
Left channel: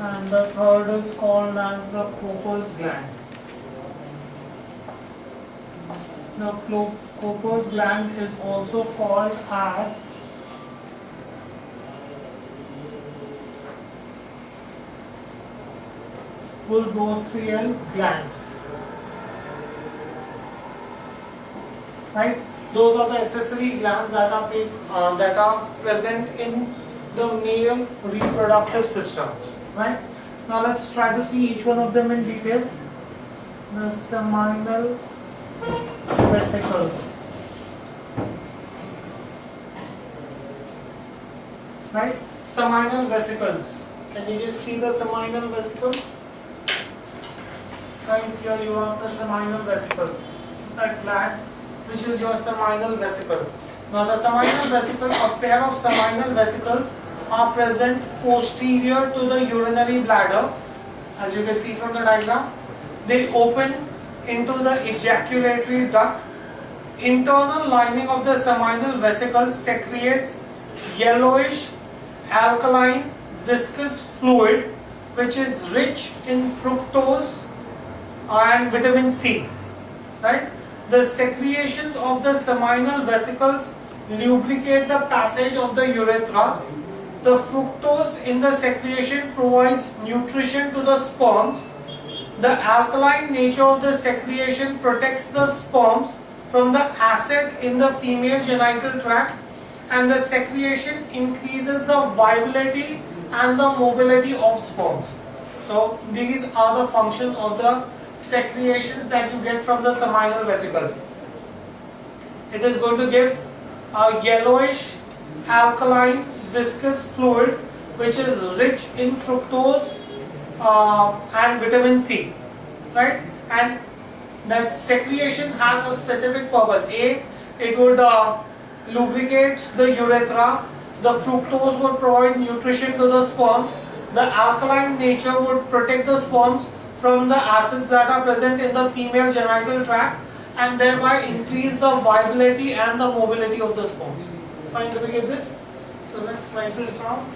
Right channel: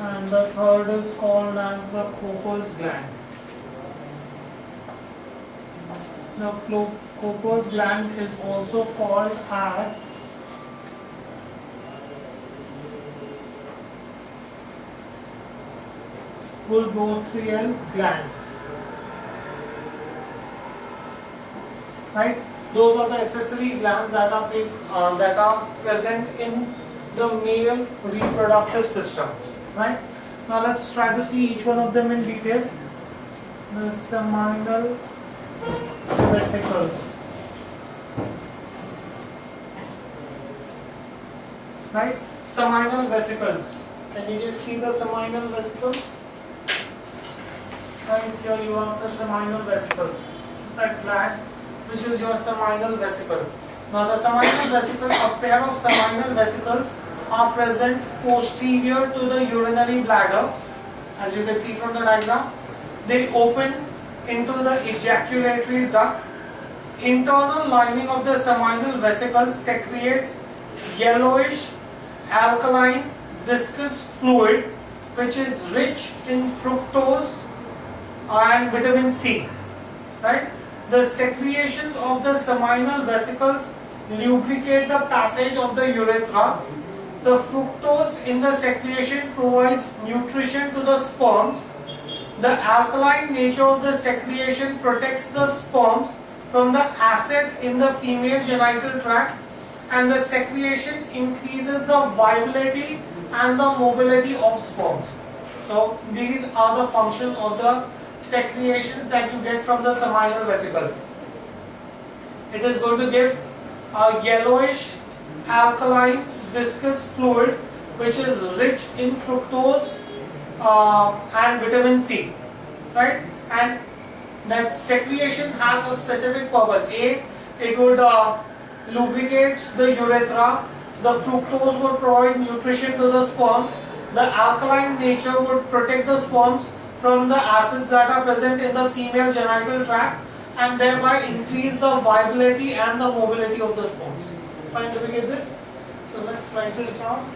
and the third is called as the Cooper's gland. Now, Cooper's gland is also called as bulbotrial gland. Right? Those are the accessory glands that are present in the male reproductive system. Right? Now let's try to see each one of them in detail. The seminal vesicles. Right? Seminal vesicles. Can you just see the seminal vesicles? Guys, here you have the seminal vesicles. This is that gland which is your seminal vesicle. Now the seminal vesicle, a pair of seminal vesicles are present posterior to the urinary bladder, as you can see from the diagram. They open into the ejaculatory duct. Internal lining of the seminal vesicle secretes yellowish alkaline viscous fluid which is rich in fructose and vitamin C. Right? The secretions of the seminal vesicles lubricate the passage of the urethra. The fructose in the secretion provides nutrition to the sperms. The alkaline nature of the secretion protects the sperms from the acid in the female genital tract, and the secretion increases the viability and the mobility of sperms. So these are the functions of the secretions that you get from the seminal vesicles. It is going to give a yellowish alkaline viscous fluid which is rich in fructose and vitamin C, right? And that secretion has a specific purpose. A, it would lubricate the urethra. The fructose would provide nutrition to the sperms. The alkaline nature would protect the sperms from the acids that are present in the female genital tract and thereby increase the viability and the mobility of the sperms. Fine, do we get this? So let's write this down.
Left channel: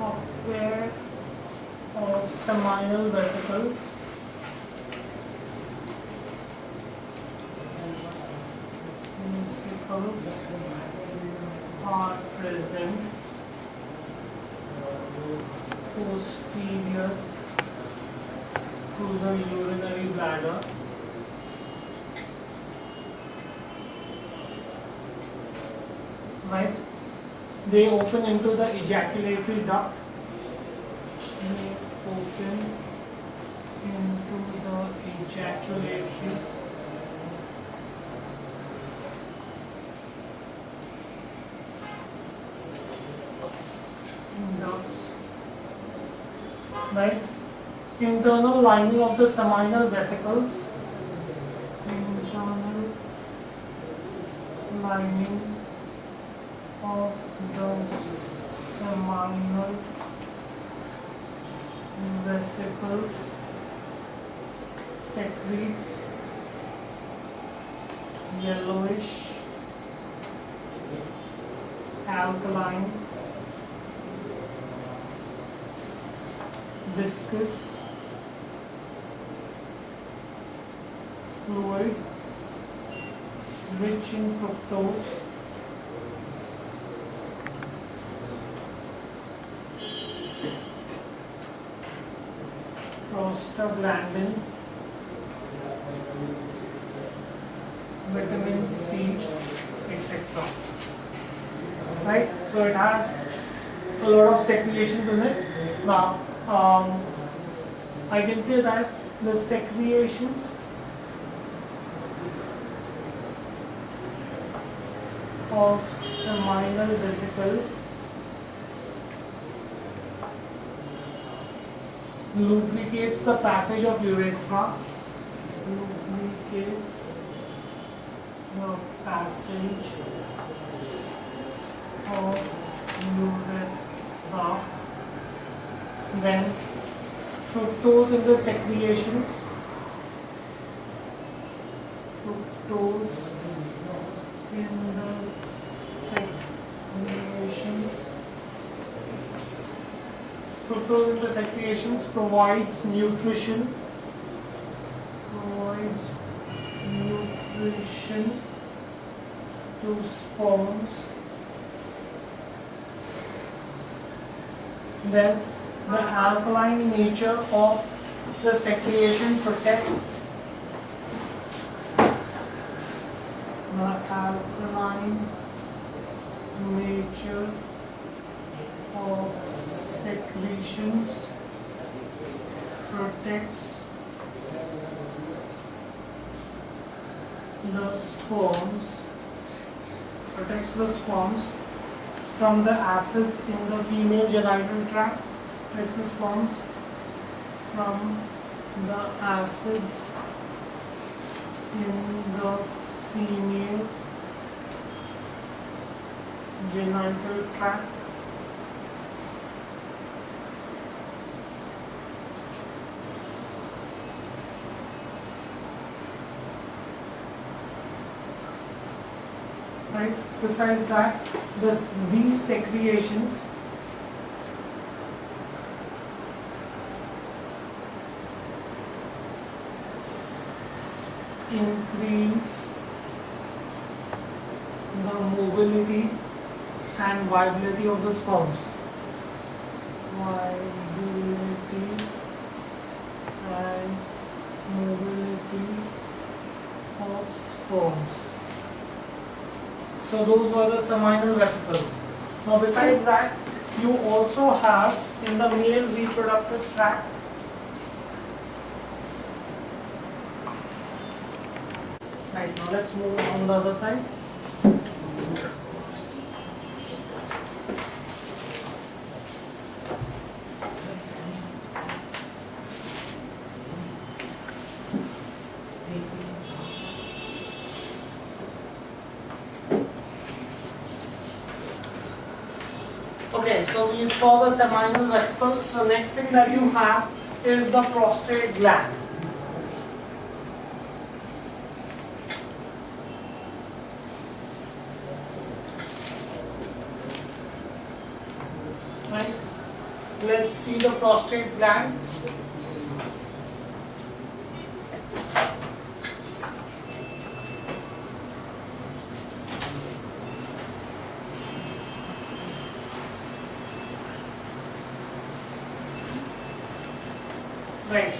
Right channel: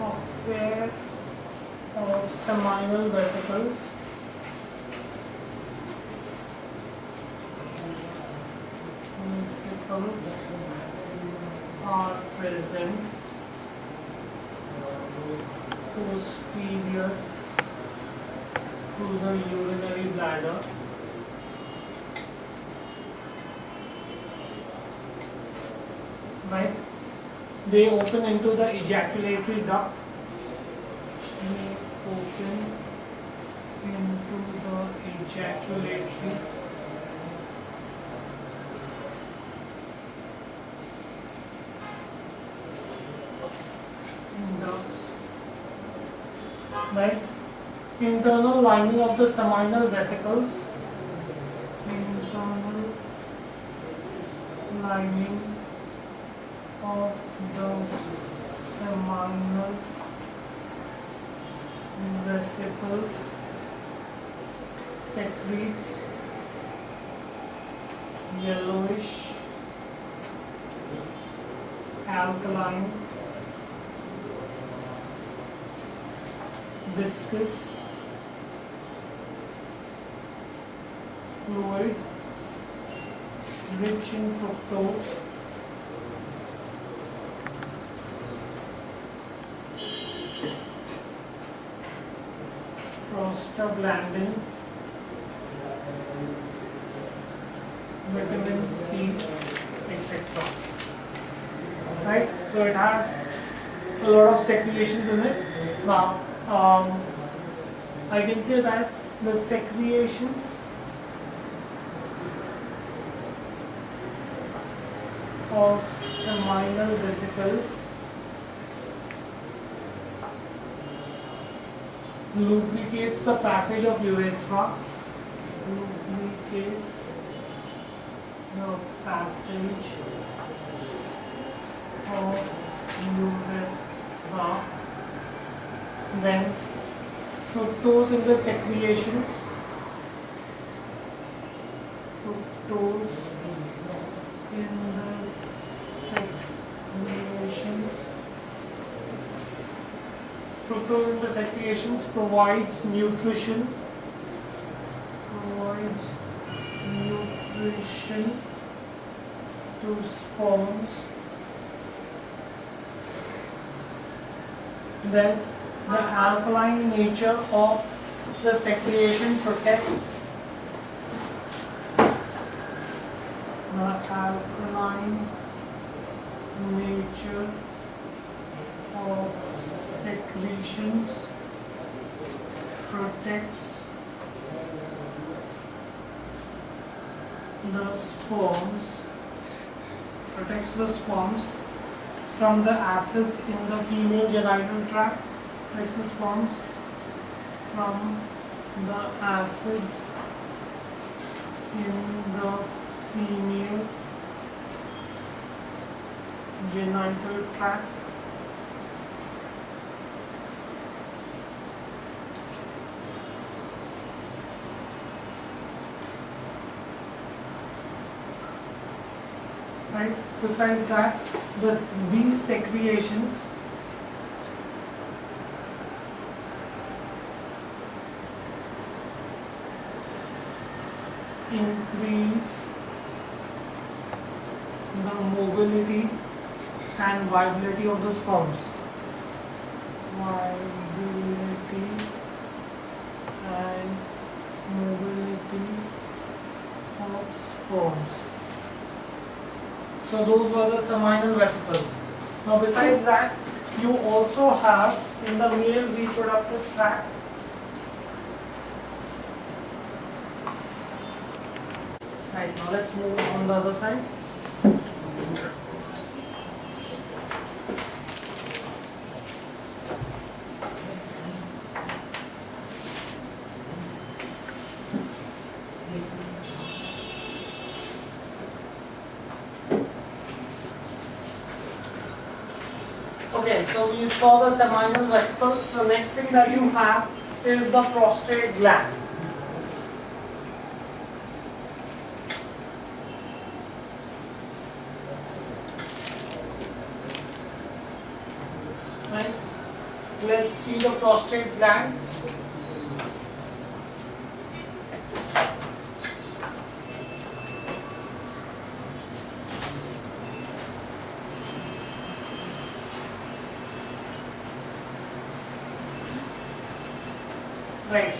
A pair of seminal vesicles are present posterior to the urinary bladder right? They open into the ejaculatory duct. They open into the ejaculatory ducts, right? Internal lining of the seminal vesicles. Internal lining of the seminal vesicles secretes yellowish alkaline viscous fluid rich in fructose prostaglandin, vitamin C, etc. Right? So it has a lot of secretions in it. Now, I can say that the secretions of seminal vesicle lubricates the passage of urethra, lubricates the passage of urethra. Then fructose in the secretions, fructose in the secretions. Fructose in the secretions provides nutrition to sperms. Then the alkaline nature of the secretion protects the alkaline nature of secretions protects the sperms from the acids in the female genital tract. Protects the sperms from the acids in the female genital tract. Right. Besides that, these secretions increase the mobility and viability of the sperms. Viability and mobility of sperms. So those were the seminal vesicles. Now besides that, you also have in the male reproductive tract right. Now let's move on the other side. Okay, so we saw the seminal vesicles. The next thing that you have is the prostate gland. Right? Let's see the prostate gland. Right.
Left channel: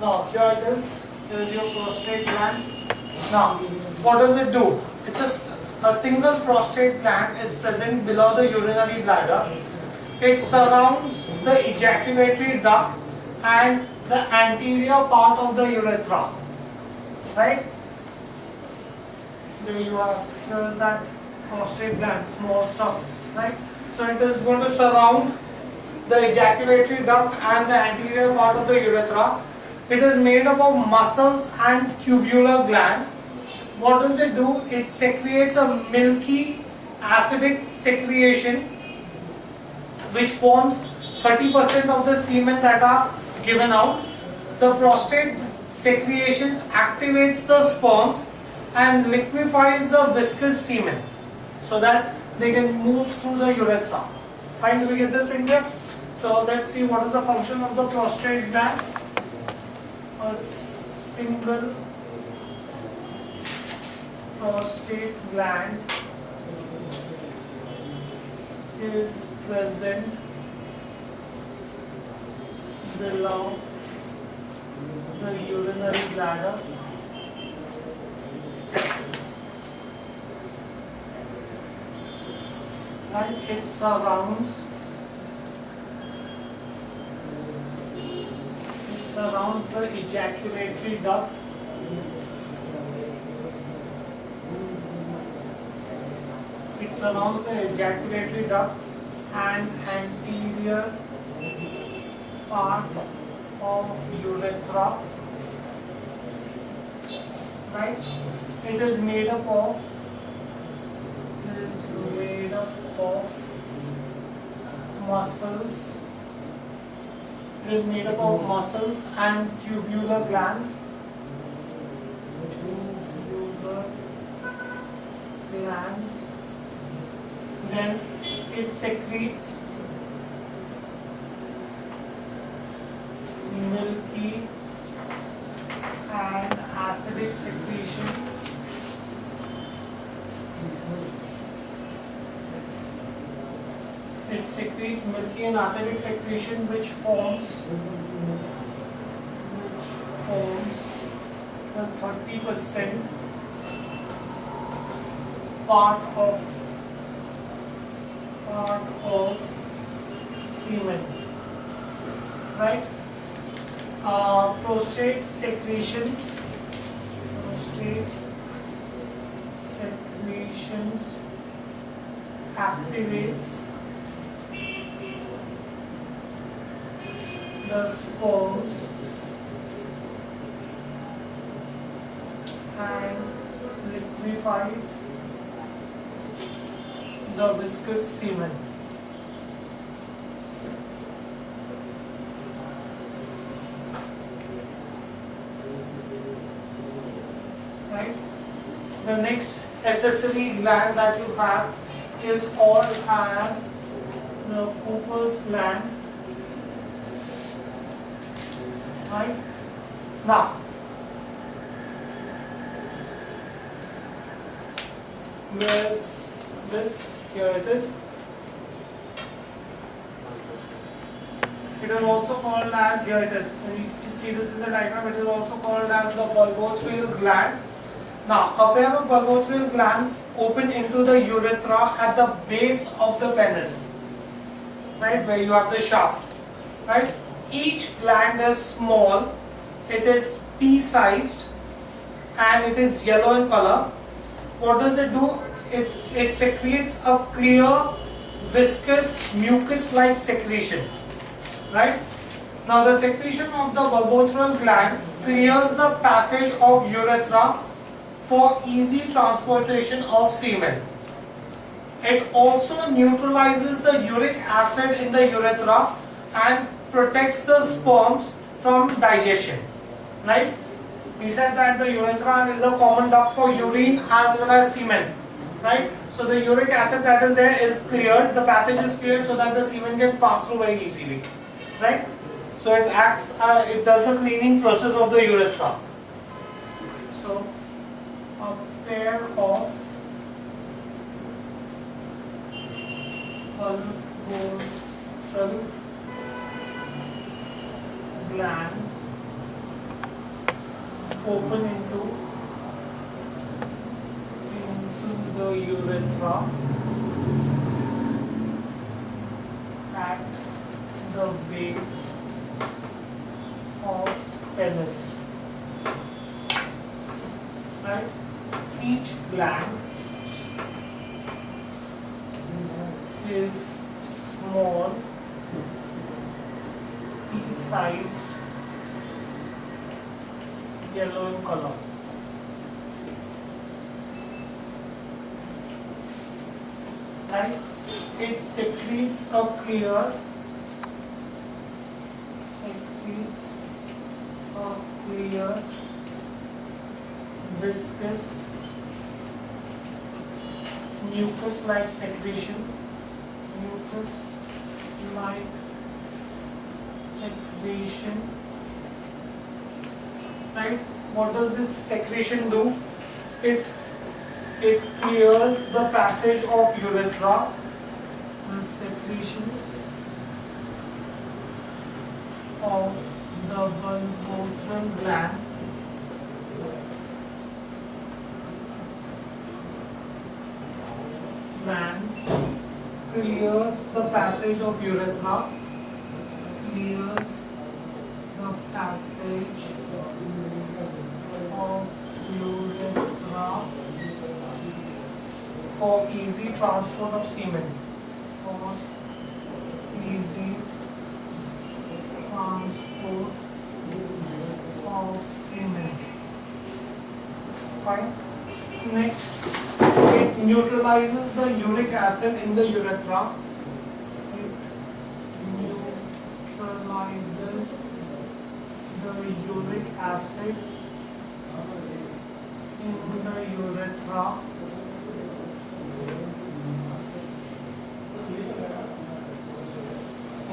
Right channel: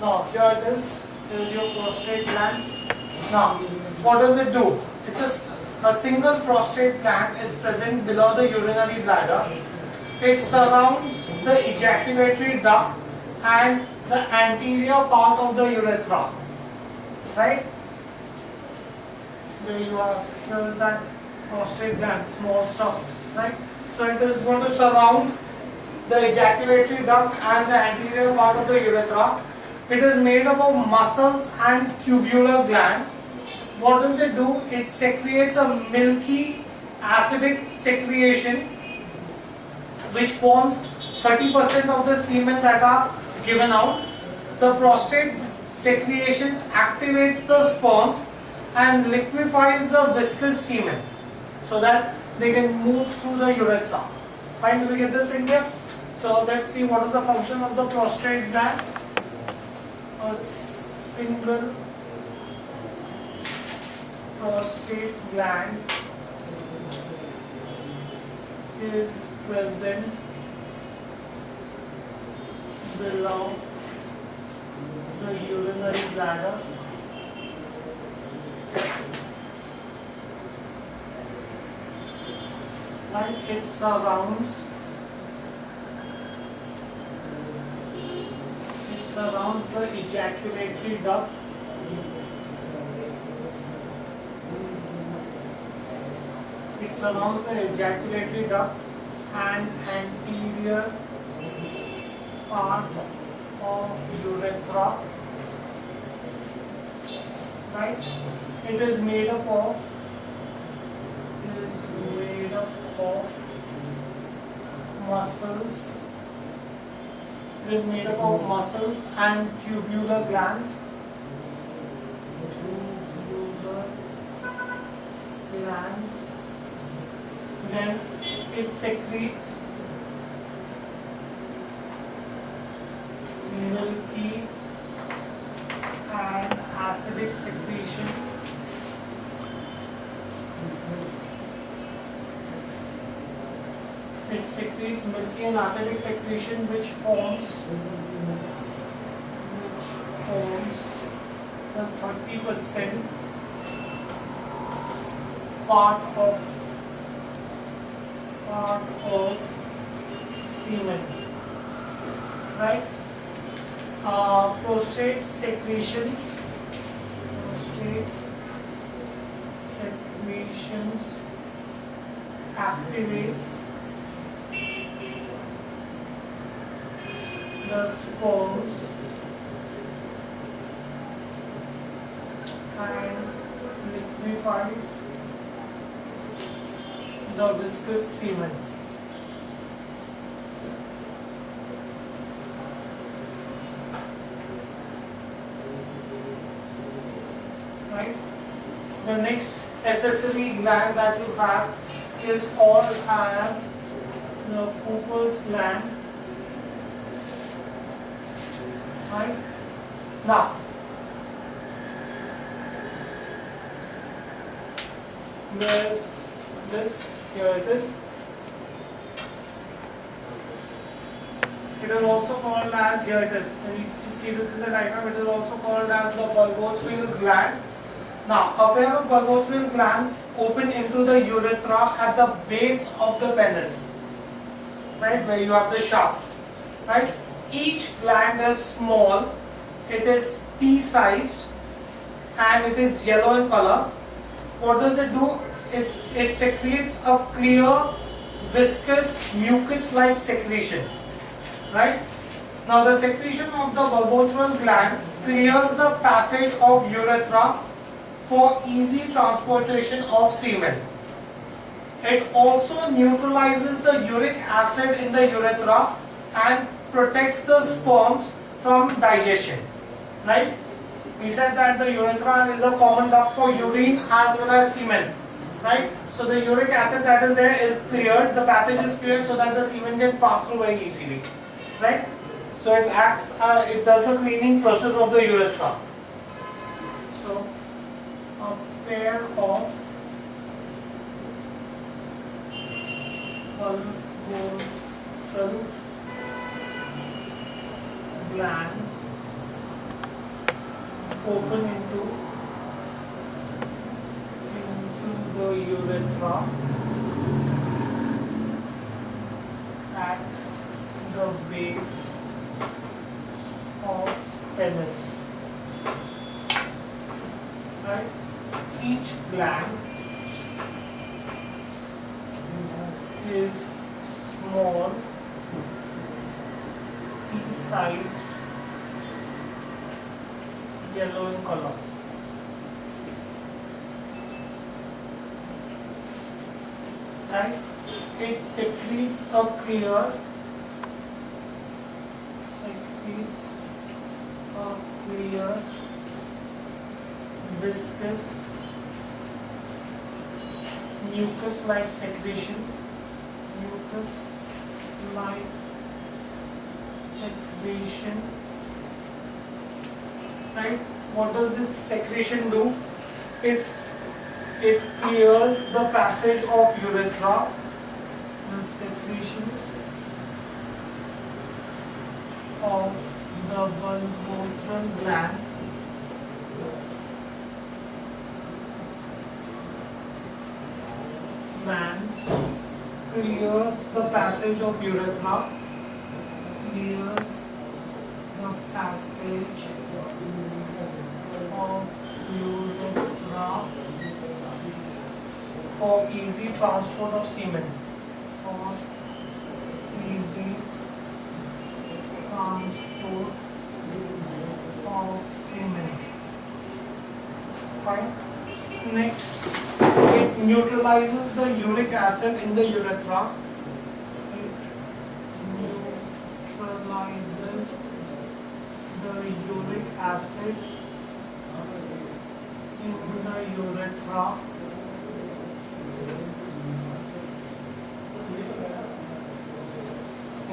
Now here it is. Here is your prostate gland. Now, what does it do? It's a single prostate gland is present below the urinary bladder. It surrounds the ejaculatory duct and the anterior part of the urethra. Right? There you have. Here is that prostate gland, small stuff. Right? So it is going to surround the ejaculatory duct and the anterior part of the urethra. It is made up of muscles and tubular glands. What does it do? It secretes a milky acidic secretion which forms 30% of the semen that are given out. The prostate secretions activates the sperms and liquefies the viscous semen so that they can move through the urethra. Fine, do we get this in here? So let's see what is the function of the prostate gland. A single prostate gland is present below the urinary bladder. And it surrounds the ejaculatory duct and anterior part of urethra. Right? It is made up of muscles. It is made up of muscles and tubular glands. Then it secretes milky and acidic secretion. It secretes milky and acidic secretion which forms the 30% part of semen. Right? Prostate secretions activates the sperms and liquefies the viscous semen. Right? The next accessory gland that you have is called as the Cooper's gland. Right? Now, there's this, here it is. It is also called as, here it is, and you see this in the diagram, it is also called as the bulbotrial gland. Now, a pair of bulbotrial glands open into the urethra at the base of the penis, right, where you have the shaft, right? Each gland is small, it is pea-sized, and it is yellow in color. What does it do? It secretes a clear, viscous, mucus-like secretion, right? Now, the secretion of the bulbotrial gland clears the passage of urethra for easy transportation of semen. It also neutralizes the uric acid in the urethra and protects the sperms from digestion, right? We said that the urethra is a common duct for urine as well as semen, right? So the uric acid that is there is cleared, the passage is cleared so that the semen can pass through very easily, right? So it acts, it does the cleaning process of the urethra. So a pair of bulbotrial glands open into the urethra at the base of penis, right? Each gland is small, pea-sized, yellow in color. Right? It secretes a clear, viscous, mucus-like secretion, right? What does this secretion do? It clears the passage of urethra. The secretions of the bulbotrial gland clears the passage of urethra, for easy transport of semen. Fine. Next, it neutralizes the uric acid in the urethra. It neutralizes the uric acid in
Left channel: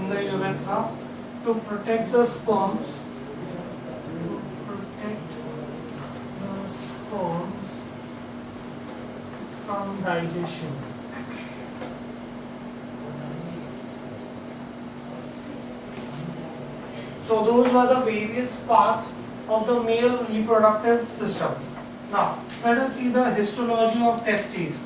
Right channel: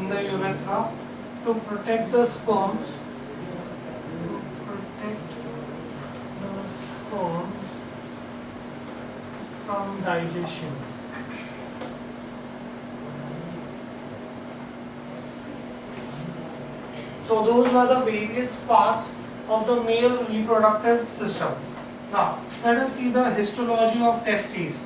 the urethra to protect the sperms from digestion. So those were the various parts of the male reproductive system. Now let us see the histology of testes.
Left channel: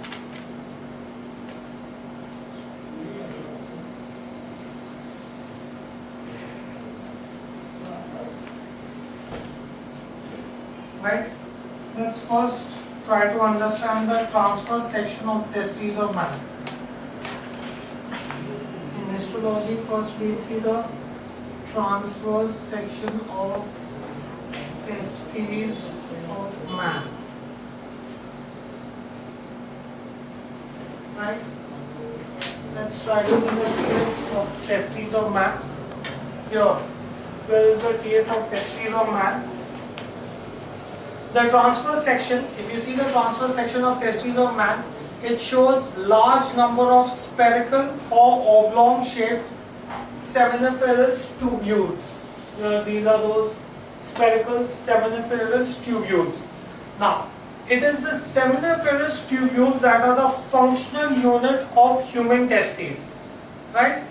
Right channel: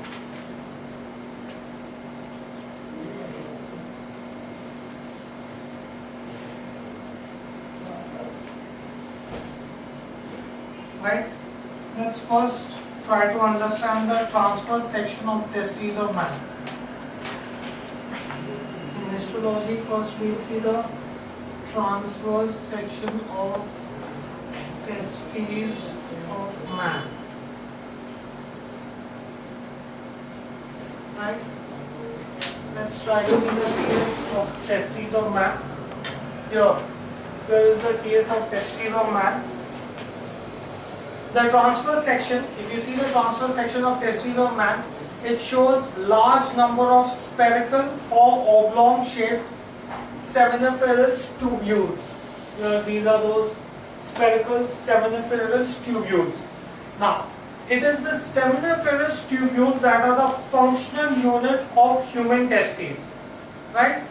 Right? Let's first try to understand the transverse section of testes of man. In histology, first we'll see the transverse section of testes of man. Right? Let's try to see the case of testes of man. Here is the case of testes of man. The transverse section, if you see the transverse section of testes of man, it shows large number of spherical or oblong shaped seminiferous tubules. These are those spherical seminiferous tubules. Now, it is the seminiferous tubules that are the functional unit of human testes. Right?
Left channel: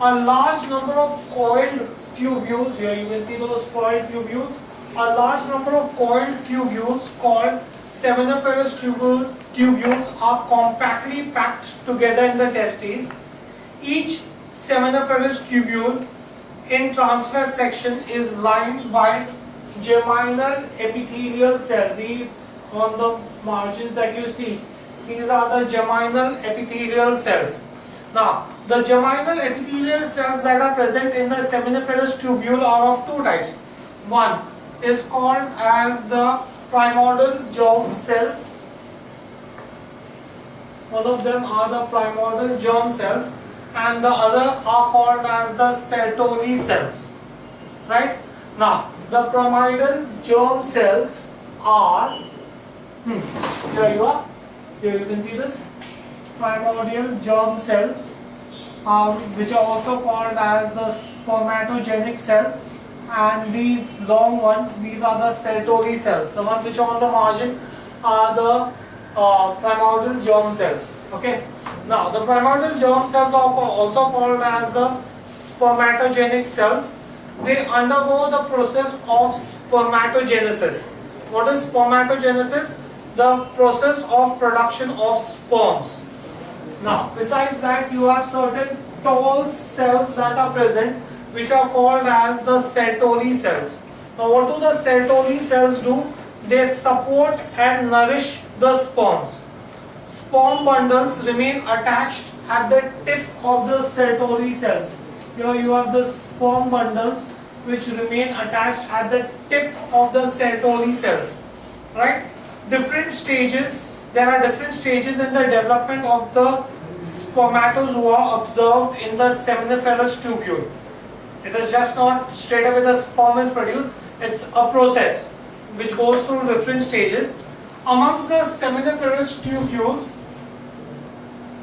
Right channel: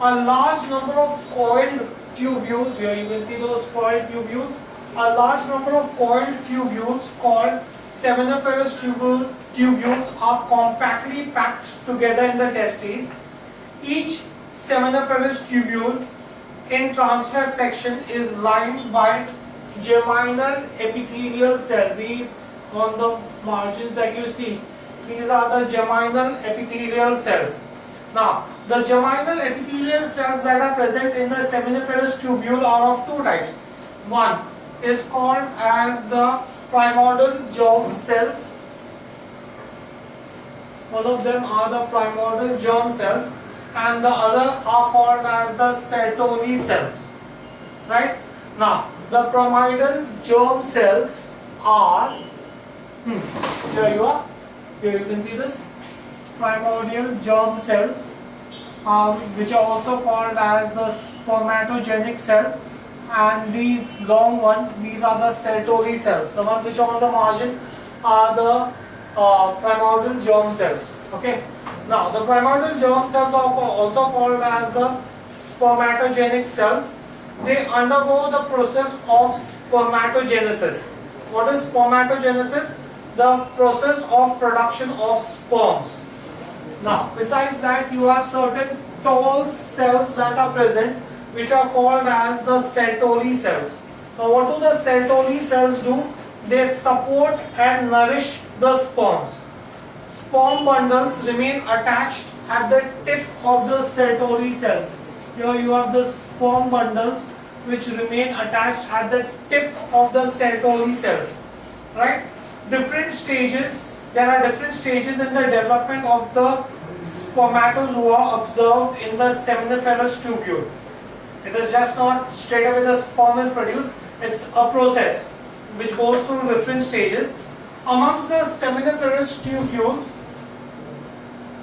A large number of coiled tubules, here you will see those coiled tubules. A large number of coiled tubules called seminiferous tubules are compactly packed together in the testes. Each seminiferous tubule in transverse section is lined by geminal epithelial cells. These on the margins that you see, these are the geminal epithelial cells. Now, the geminal epithelial cells that are present in the seminiferous tubule are of two types. One is called as the primordial germ cells. One of them are the primordial germ cells, and the other are called as the Sertoli cells. Right? Now, the primordial germ cells are, here you are, here you can see this, primordial germ cells, which are also called as the spermatogenic cells, and these long ones, these are the Sertoli cells. The ones which are on the margin are the primordial germ cells. Okay. Now, the primordial germ cells are also called as the spermatogenic cells. They undergo the process of spermatogenesis. What is spermatogenesis? The process of production of sperms. Now, besides that, you have certain tall cells that are present, which are called as the Sertoli cells. Now, what do the Sertoli cells do? They support and nourish the sperms. Sperm bundles remain attached at the tip of the Sertoli cells. Here you have the sperm bundles which remain attached at the tip of the Sertoli cells. Right? Different stages. There are different stages in the development of the spermatozoa observed in the seminiferous tubule. It is just not straight away the sperm is produced. It's a process which goes through different stages. Amongst the seminiferous tubules,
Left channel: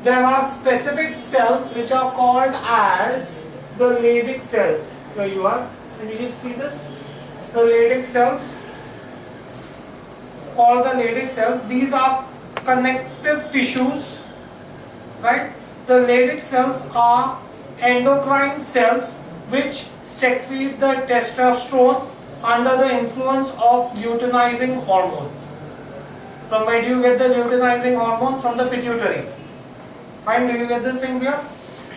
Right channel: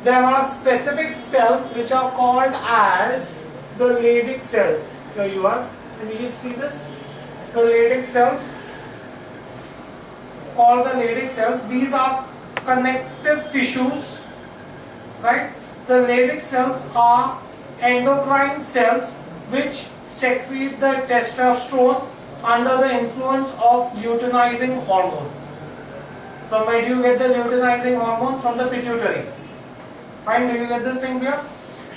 there are specific cells which are called as the Leydig cells. Here you are. Can you just see this? The Leydig cells, called the Leydig cells. These are connective tissues, right? The Leydig cells are endocrine cells which secrete the testosterone under the influence of luteinizing hormone. From where do you get the luteinizing hormone? From the pituitary. Fine, do you get this thing here?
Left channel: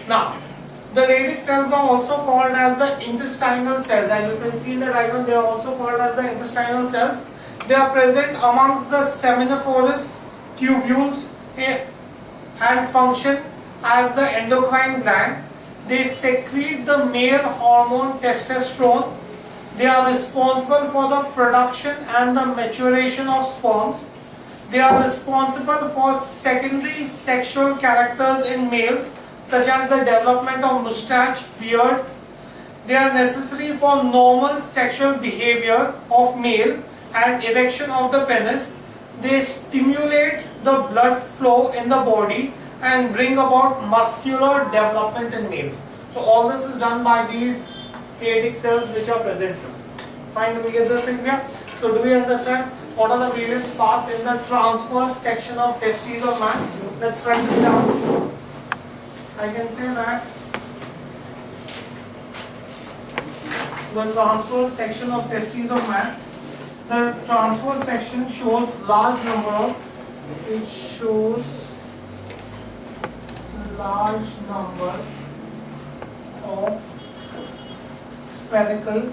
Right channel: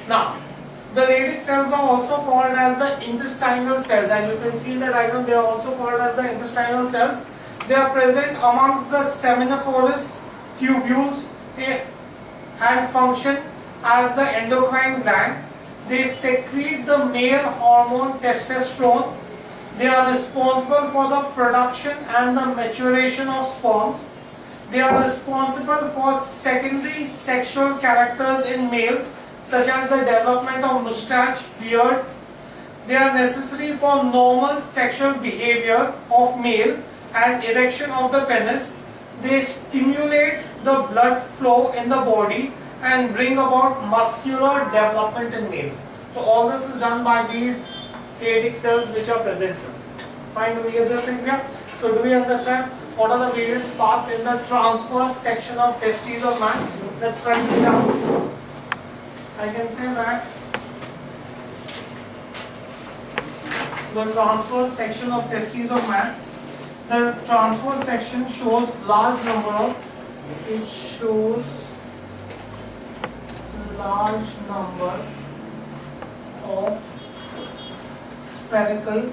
Now, the Leydig cells are also called as the intestinal cells. As you can see in the diagram, they are also called as the intestinal cells. They are present amongst the seminiferous tubules and function as the endocrine gland. They secrete the male hormone testosterone. They are responsible for the production and the maturation of sperms. They are responsible for secondary sexual characters in males, such as the development of mustache, beard. They are necessary for normal sexual behavior of male and erection of the penis. They stimulate the blood flow in the body and bring about muscular development in males. So all this is done by these Leydig cells which are present. Fine, do we get this in here? So do we understand what are the various parts in the transverse section of testes of man? Let's write it down. I can say that the transverse section of testes of man, the transverse section shows large number of, it shows large number of spherical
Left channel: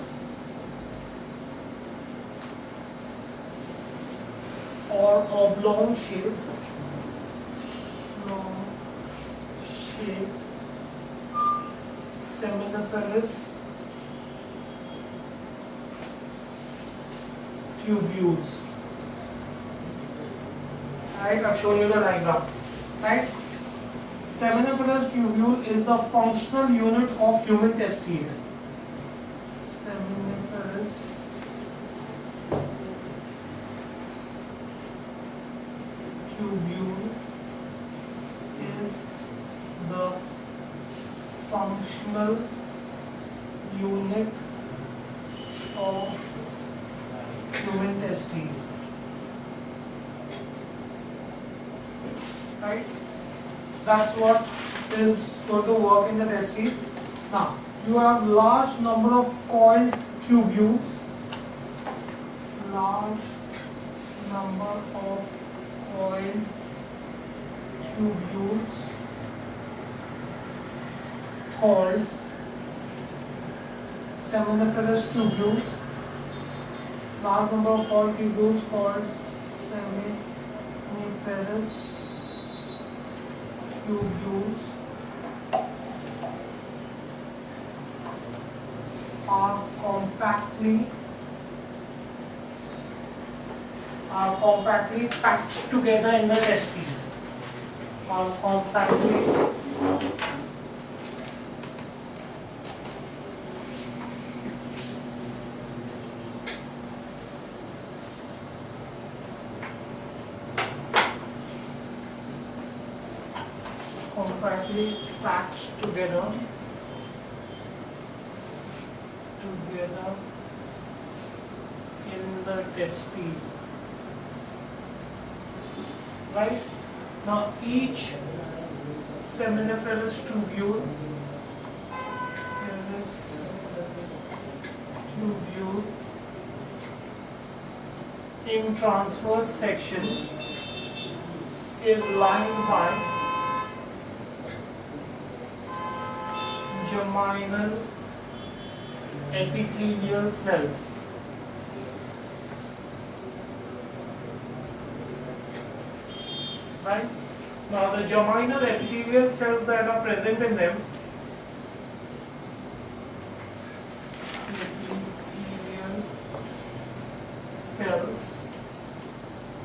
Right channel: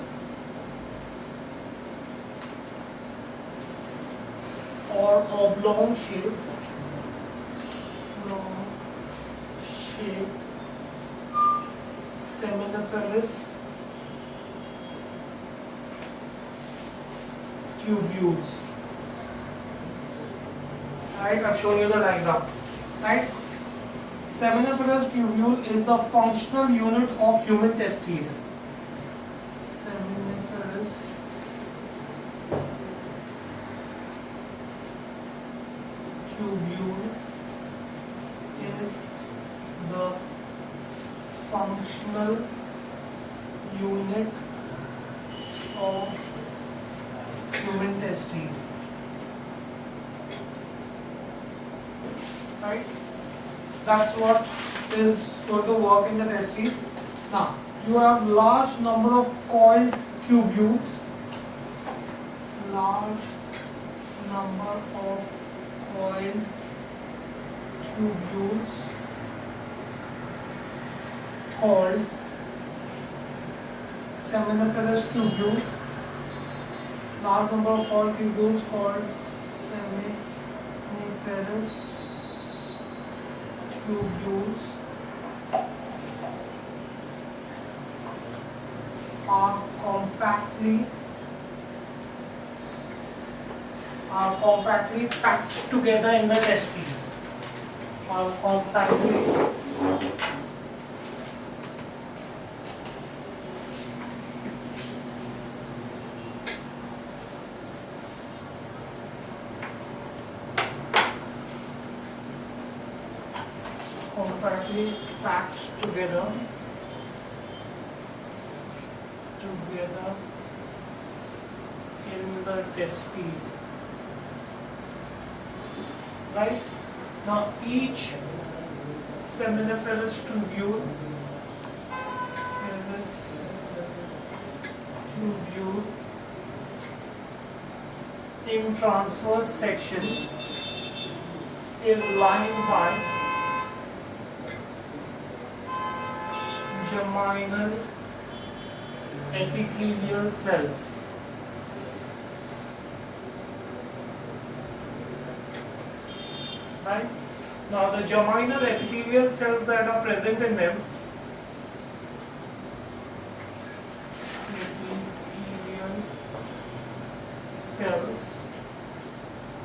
or oblong shaped seminiferous tubules. Right, I've shown you the diagram. Right, seminiferous tubule is the functional unit of human testes. Seminiferous tubule is the functional unit of human testes. Right? That's what is going to work in the testes. Now, you have large number of coiled tubules. Large number of coiled tubules called seminiferous tubules. Large number of coiled tubules called seminiferous tubules are compactly packed together in the testes. Are compactly packed together in the testes. Right? Now each seminiferous tubule in transverse section is lined by germinal epithelial cells. Right? Now the germinal epithelial cells that are present in them,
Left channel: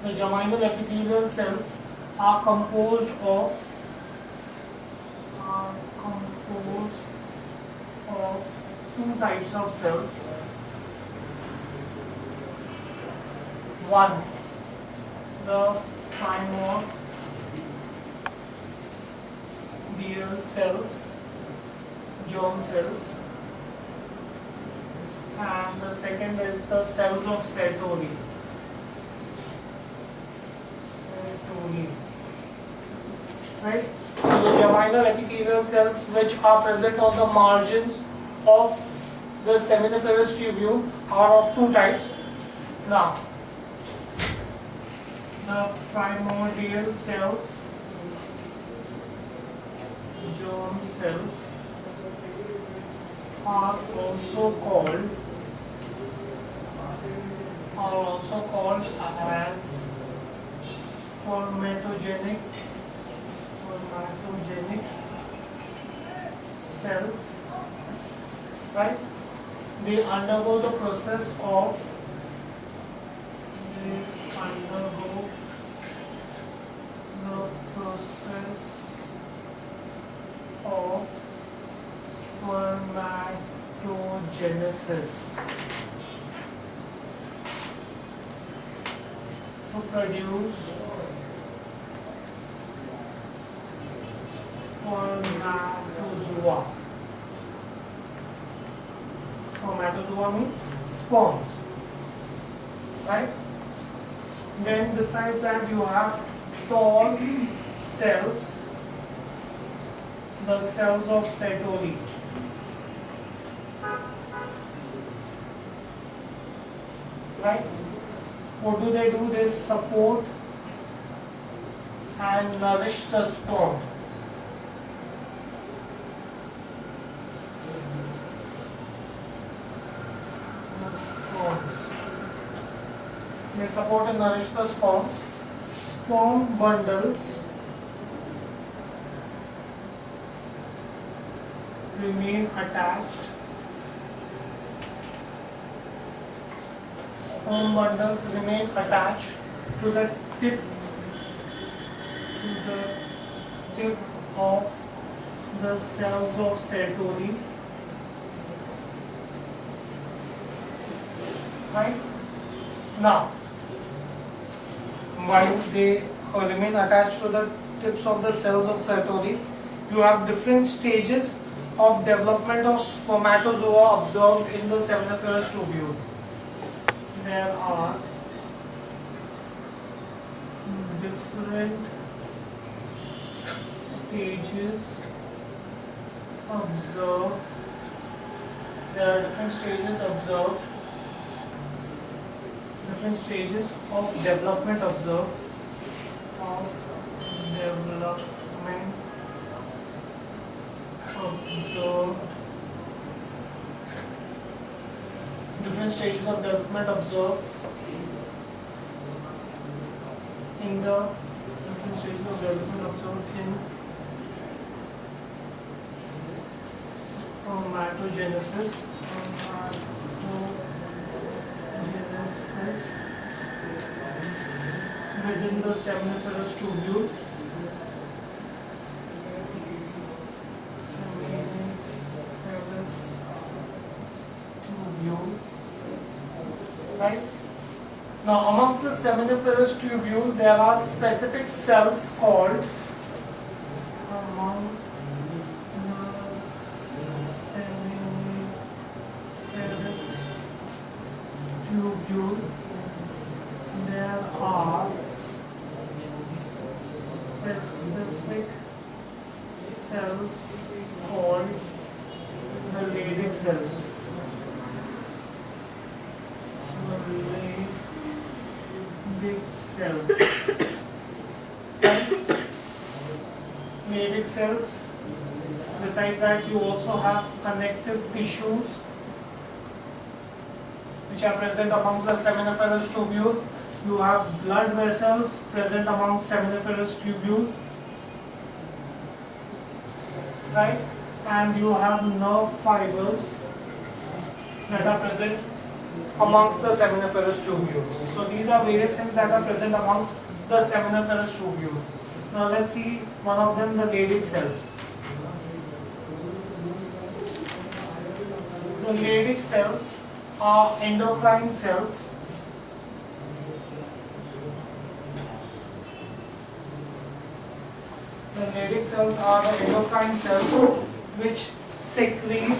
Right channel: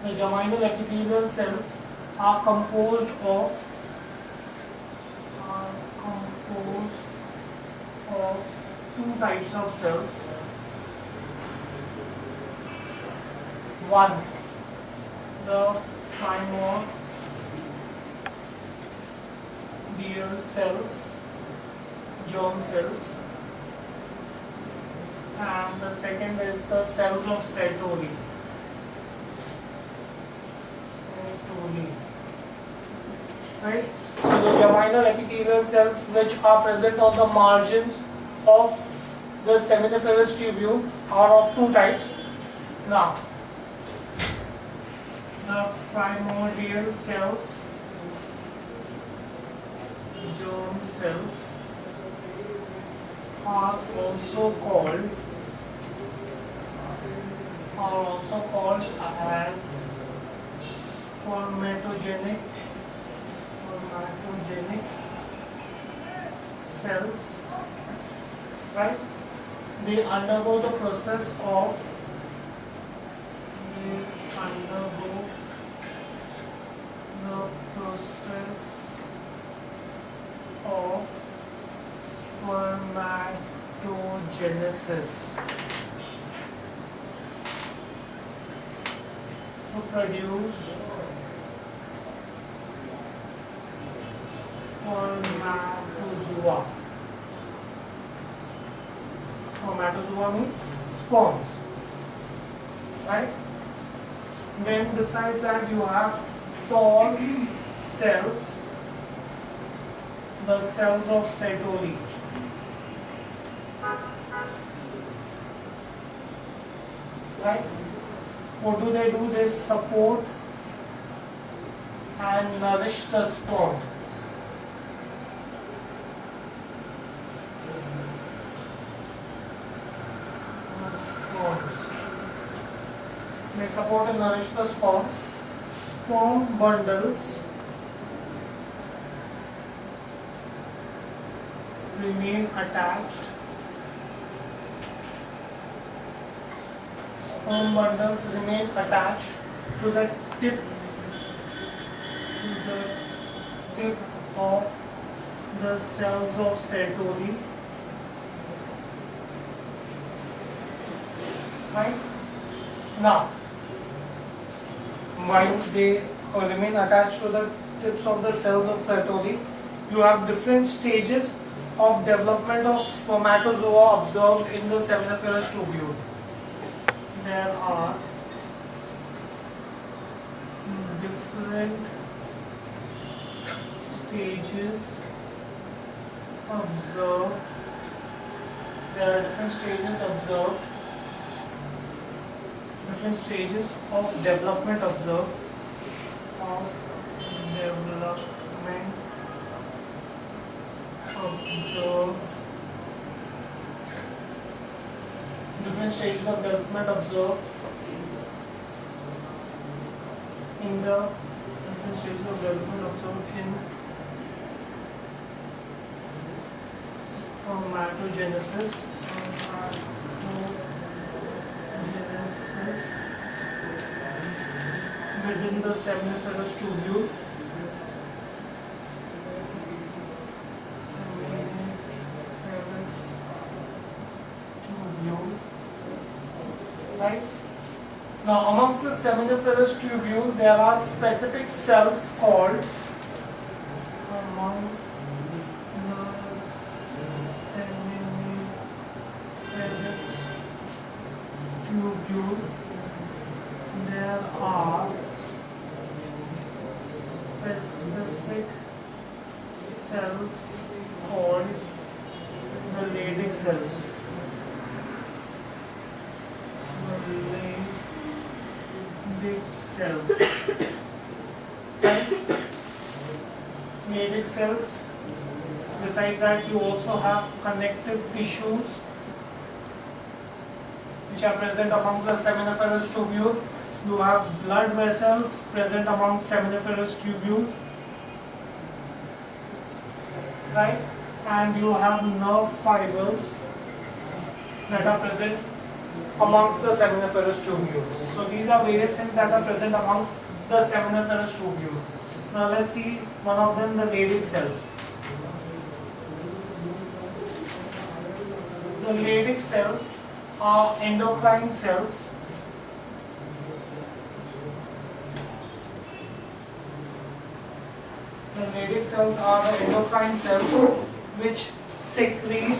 the germinal epithelial cells are composed of two types of cells. One, the primordial cells, germ cells, and the second is the cells of Sertoli. Right? So the germinal epithelial cells which are present on the margins of the seminiferous tubule are of two types. Now, the primordial cells, germ cells, are also called as spermatogenic cells. Right? They undergo the process of spermatogenesis to produce spermatozoa. Spermatozoa means sperms. Right? Then besides that you have tall cells, the cells of Sertoli. Right? What do? They support and nourish the sperm. They support and nourish the sperms. Sperm bundles remain attached. Sperm bundles remain attached to the tip of the cells of Sertoli. Right? Now, while they remain attached to the tips of the cells of Sertoli, you have different stages of development of spermatozoa observed in the seminiferous tubule. There are different stages observed. different stages of development observed. Of development observed. Different stages of development observed in the different stages of development observed in spermatogenesis. Spermatogenesis within the seminiferous tubule. Seminiferous tubule. Right? Now, amongst the seminiferous tubule, there are specific cells called among the seminiferous tubule, there are specific cells called the Leydig cells. Leydig cells. Leydig cells. Besides that, you also have connective tissues which are present amongst the seminiferous tubule. You have blood vessels present among seminiferous tubule, right? And you have nerve fibers that are present amongst the seminiferous tubules. So these are various things that are present amongst the seminiferous tubule. Now let's see one of them, the Leydig cells. The Leydig cells are endocrine cells The Leydig cells are the endocrine cells which secrete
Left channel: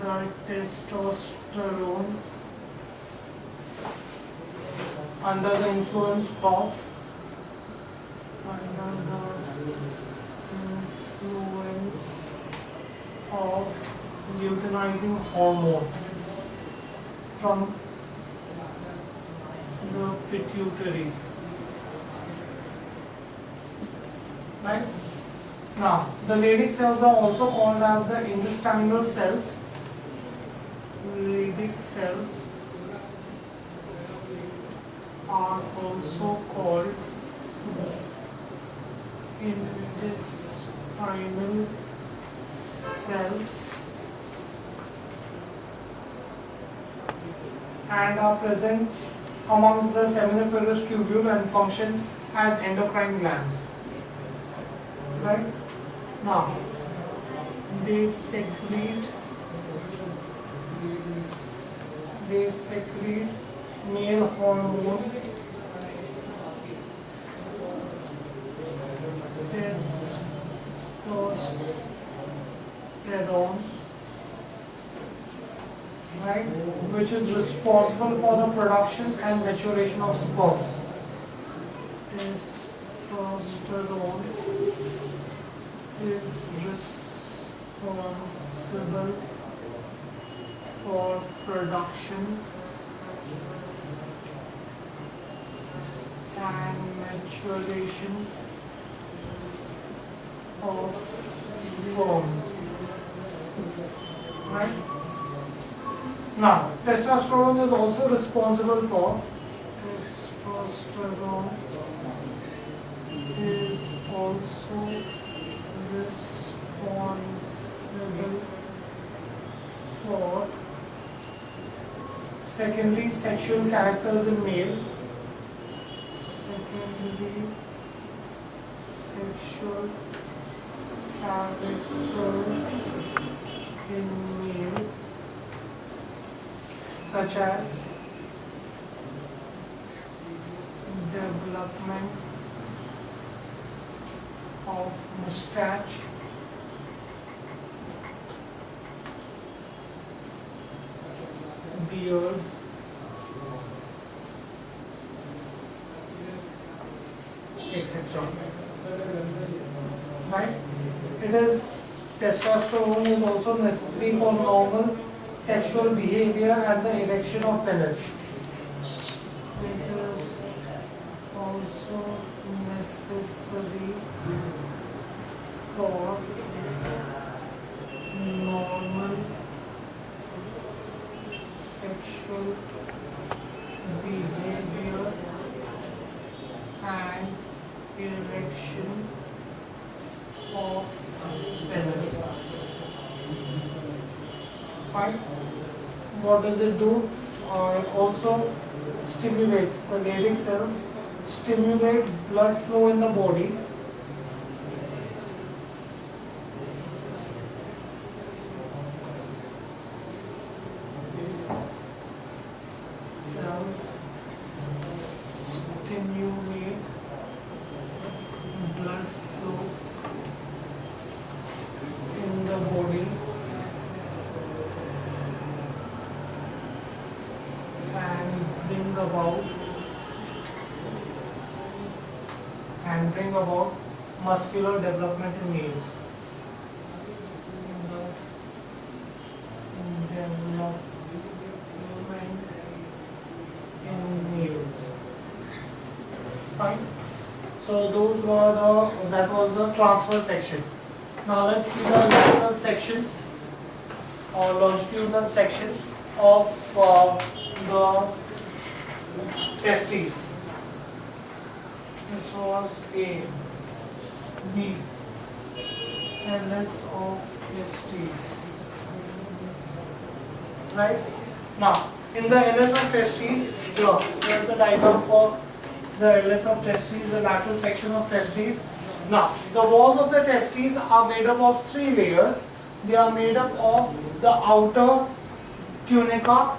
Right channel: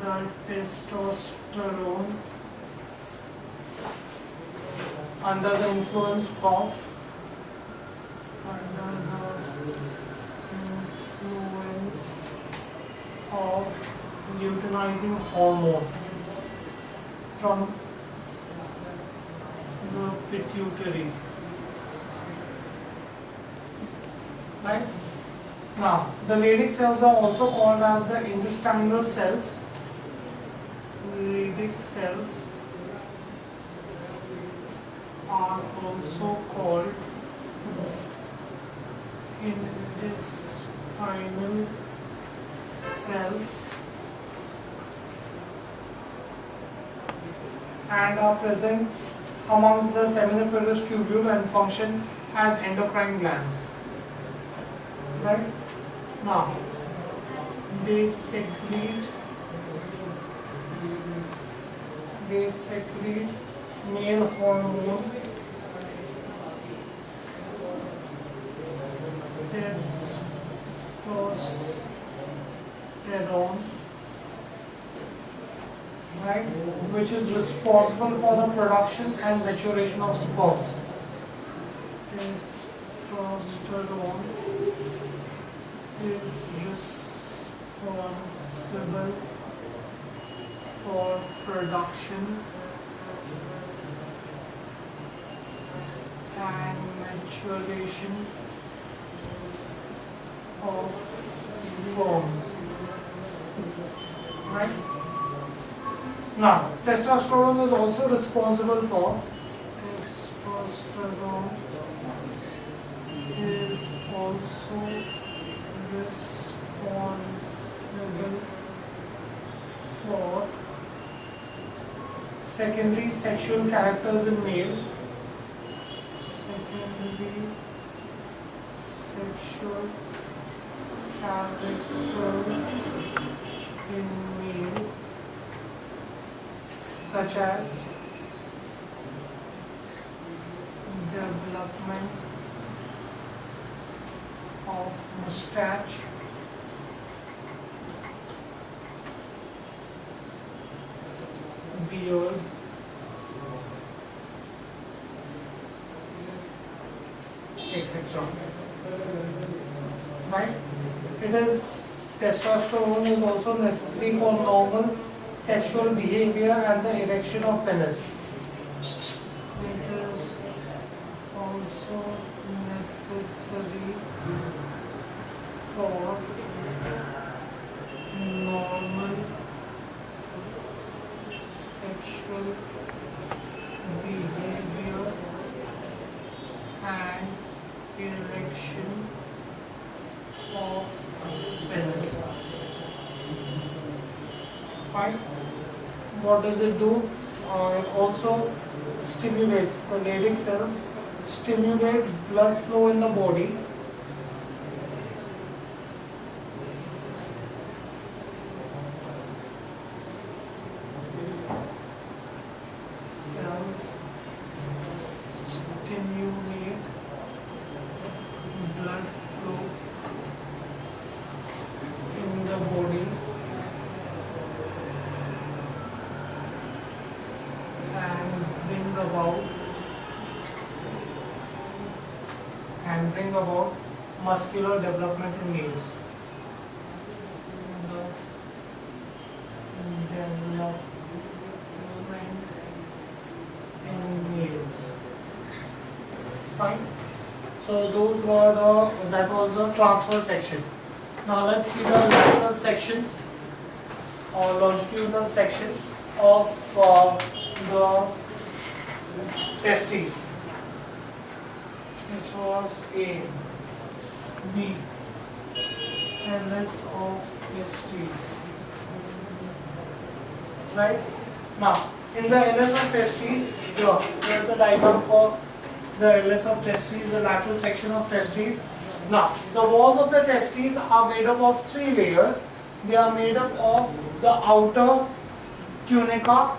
the testosterone under the influence of luteinizing hormone from the pituitary. Right? Now, the Leydig cells are also called as the intestinal cells. Leydig cells are also called intestinal cells and are present amongst the seminiferous tubule and function as endocrine glands. Right? Now, they secrete male hormone testosterone, right, which is responsible for the production and maturation of sperms. Testosterone is responsible for production and maturation of sperms. Right? Now, testosterone is also responsible for secondary sexual characters in male. Secondary sexual characters in male, such as development of mustache, beard, etc. Right? It is testosterone is also necessary for normal sexual behavior and the erection of penis. It is also necessary for normal sexual behavior and erection of penis. Fine. What does it do? It also stimulates the Leydig cells, stimulate blood flow in the body. Cells stimulate blood flow in the body and bring about muscular development in males. The development in males. Fine. So that was the transverse section. Now let's see the lateral section or longitudinal section of the testes. This was A, B, LS of testes. Right? Now, in the LS of testes, here's the diagram for the LS of testes, the lateral section of testes. Now, the walls of the testes are made up of 3 layers. They are made up of the outer tunica,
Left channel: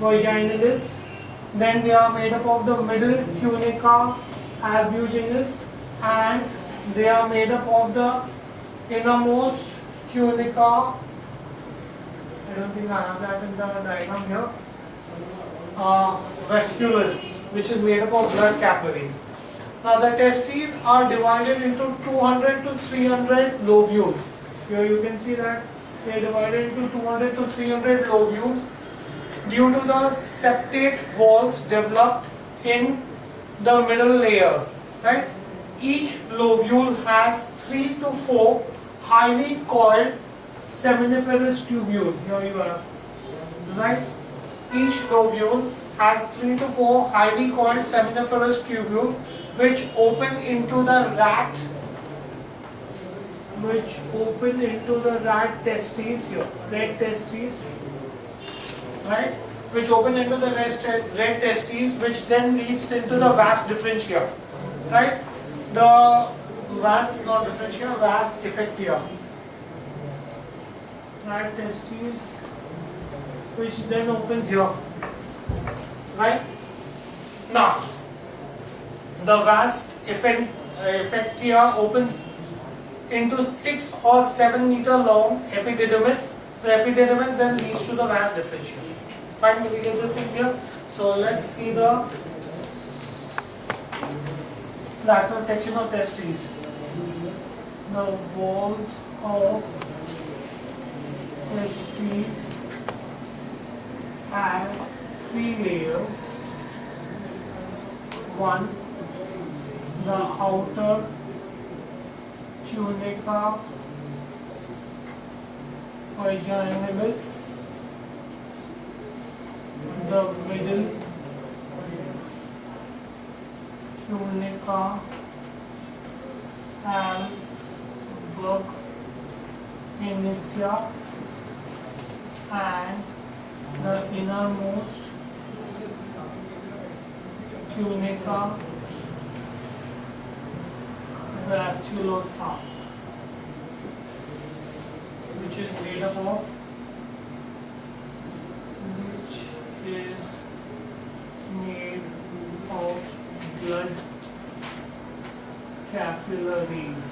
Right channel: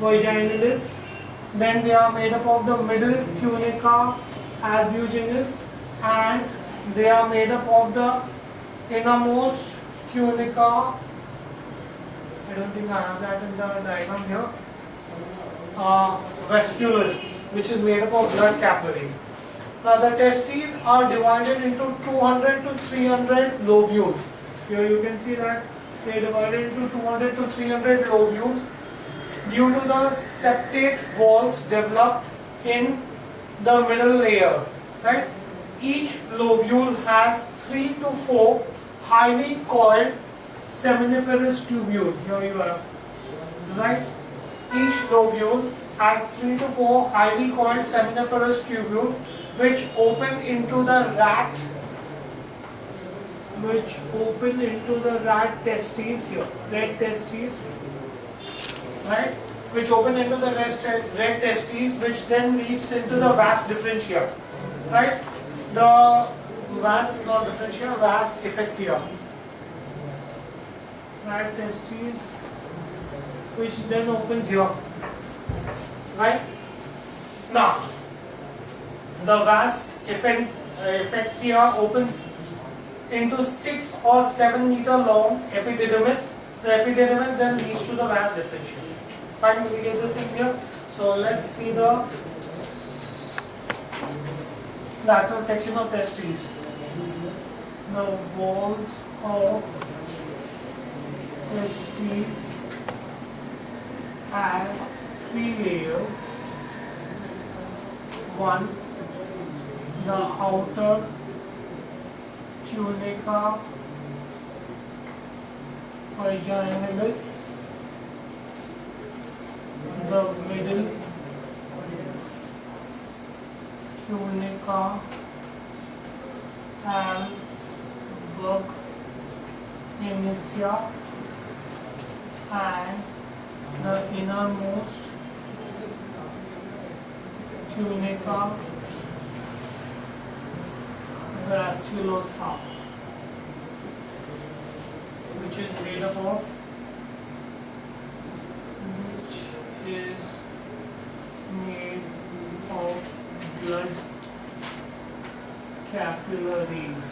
vaginalis. Then they are made up of the middle tunica albuginous, and they are made up of the innermost tunica. I don't think I have that in the diagram here. Vasculus, which is made up of blood capillaries. Now the testes are divided into 200 to 300 lobules. Here you can see that they are divided into 200 to 300 lobules due to the septate walls developed in the middle layer. Right? Each lobule has 3 to 4 highly coiled seminiferous tubule. Here you have. Right? Each lobule has 3 to 4 highly coiled seminiferous tubule which open into the rat testes here, red testes, right? Which open into the red testes, which then leads into the vas differentia, right? The vas, not differentia, vas effectia, rat testes, which then opens here, right? Now, the vas effectia opens into 6 or 7 meter long epididymis. The epididymis then leads to the vas differentia. Fine, we get this in here. So let's see the lateral section of testes. The walls of testes has 3 layers. One, the outer tunica vaginalis, the middle tunica albuginea, and the innermost tunica vasculosa, which is made up of blood capillaries.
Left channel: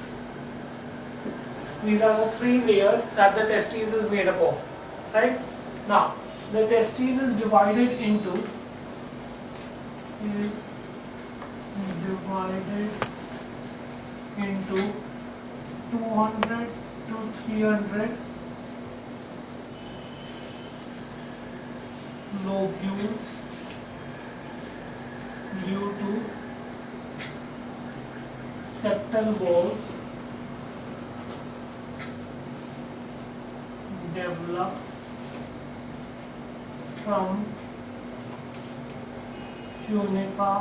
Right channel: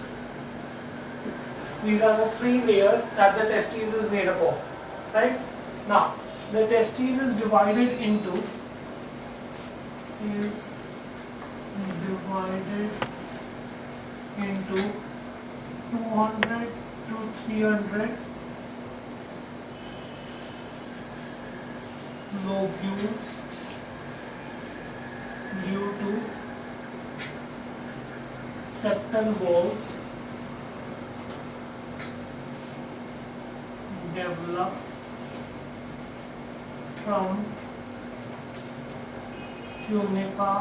These are the 3 layers that the testes is made up of. Right? Now, the testes is divided into divided into 200 to 300 lobules due to septal walls develop from tunica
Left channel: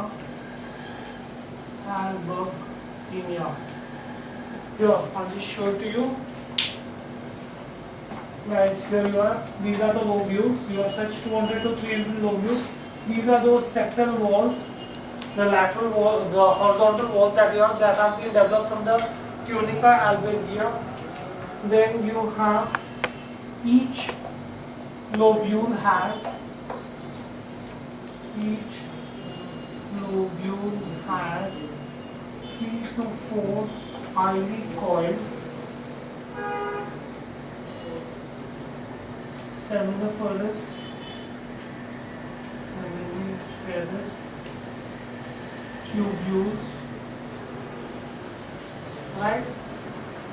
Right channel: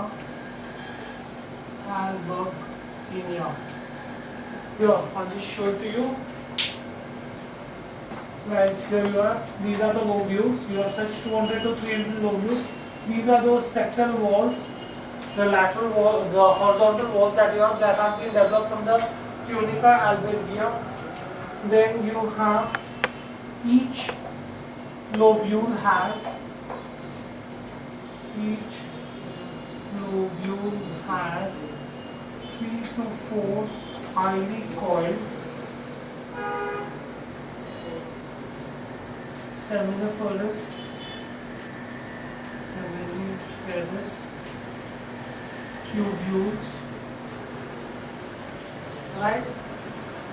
albuginea. Here, I'll just show it to you. Guys, here you are. These are the lobules. You have such 200 to 300 lobules. These are those septal walls, the lateral wall, the horizontal walls that you have that have been developed from the tunica albuginea. Then you have each lobule has 3 to 4 highly coiled seminiferous tubules, right,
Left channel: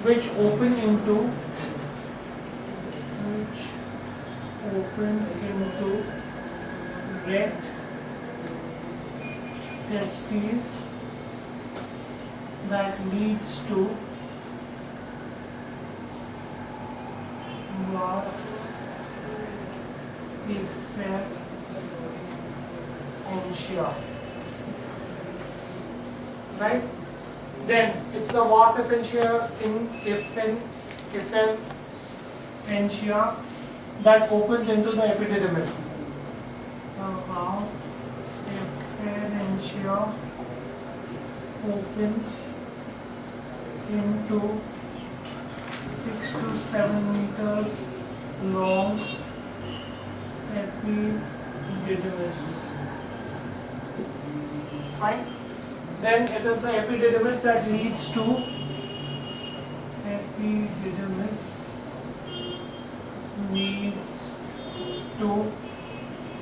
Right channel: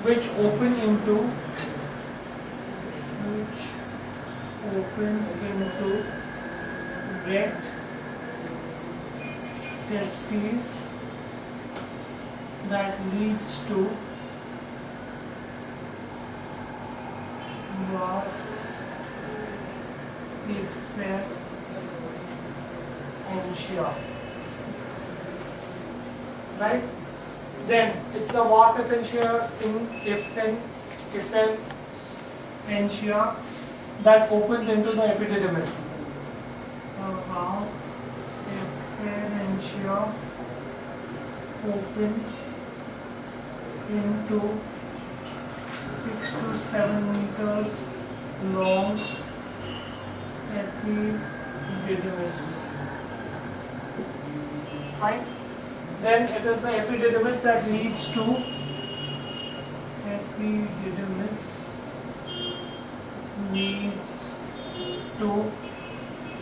which open into rect testes that leads to vas efferentia, right? Then it's the vas efferentia that opens into the epididymis. Vas efferentia opens into 6 to 7 meters long epididymis. Fine. Then it is the epididymis that leads to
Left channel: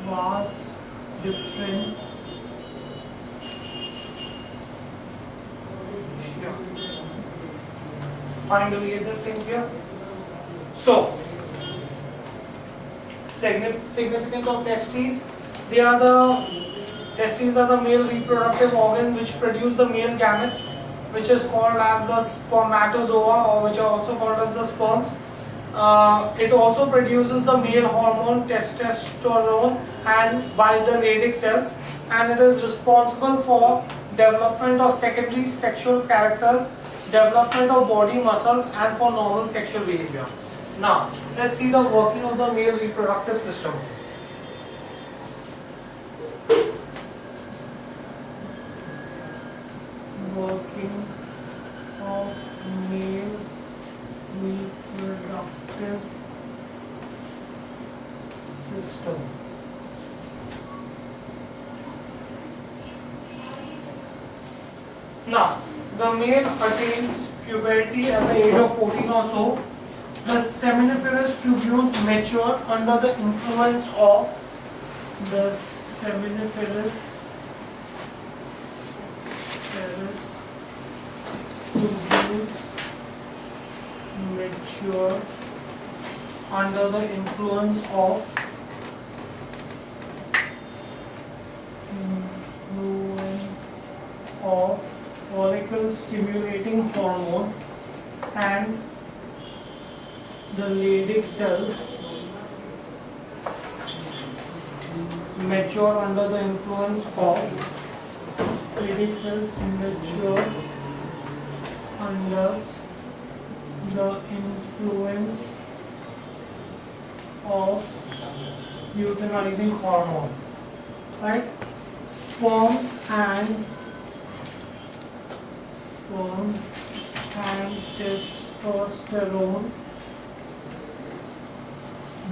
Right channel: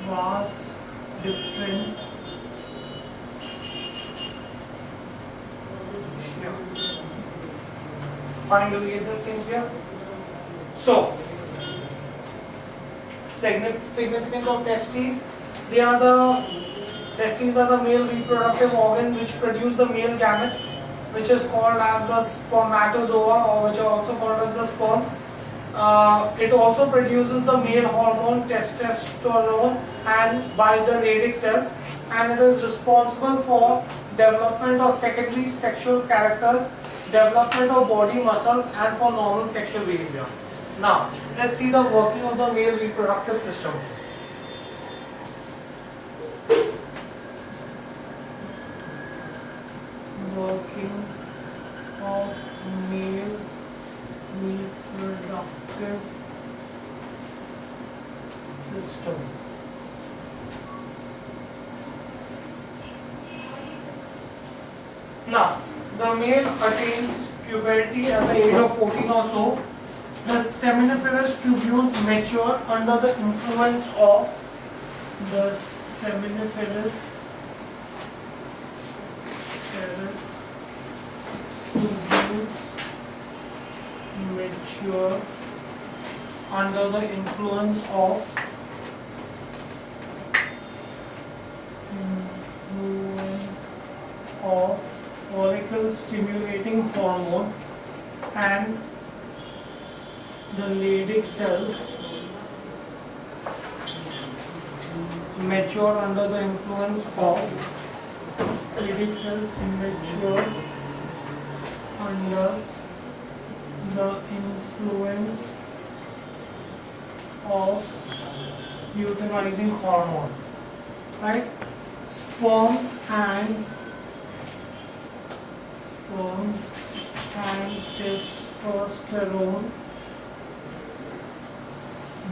vas differentia. Fine, do we get this thing here? So, significance of testes. Testes are the male reproductive organ which produce the male gametes, which is called as the spermatozoa, or which are also called as the sperms. It also produces the male hormone testosterone and by the Leydig cells, and it is responsible for development of secondary sexual characters, development of body muscles, and for normal sexual behavior. Now, let's see the working of the male reproductive system. Working of male reproductive system. Now, the male attains puberty at the age of 14 or so. The seminiferous tubules mature under the influence of the seminiferous tubules mature under the influence of follicle stimulating hormone, and the Leydig cells mature under the influence of Leydig cells mature under the influence of luteinizing hormone, right? Sperms and testosterone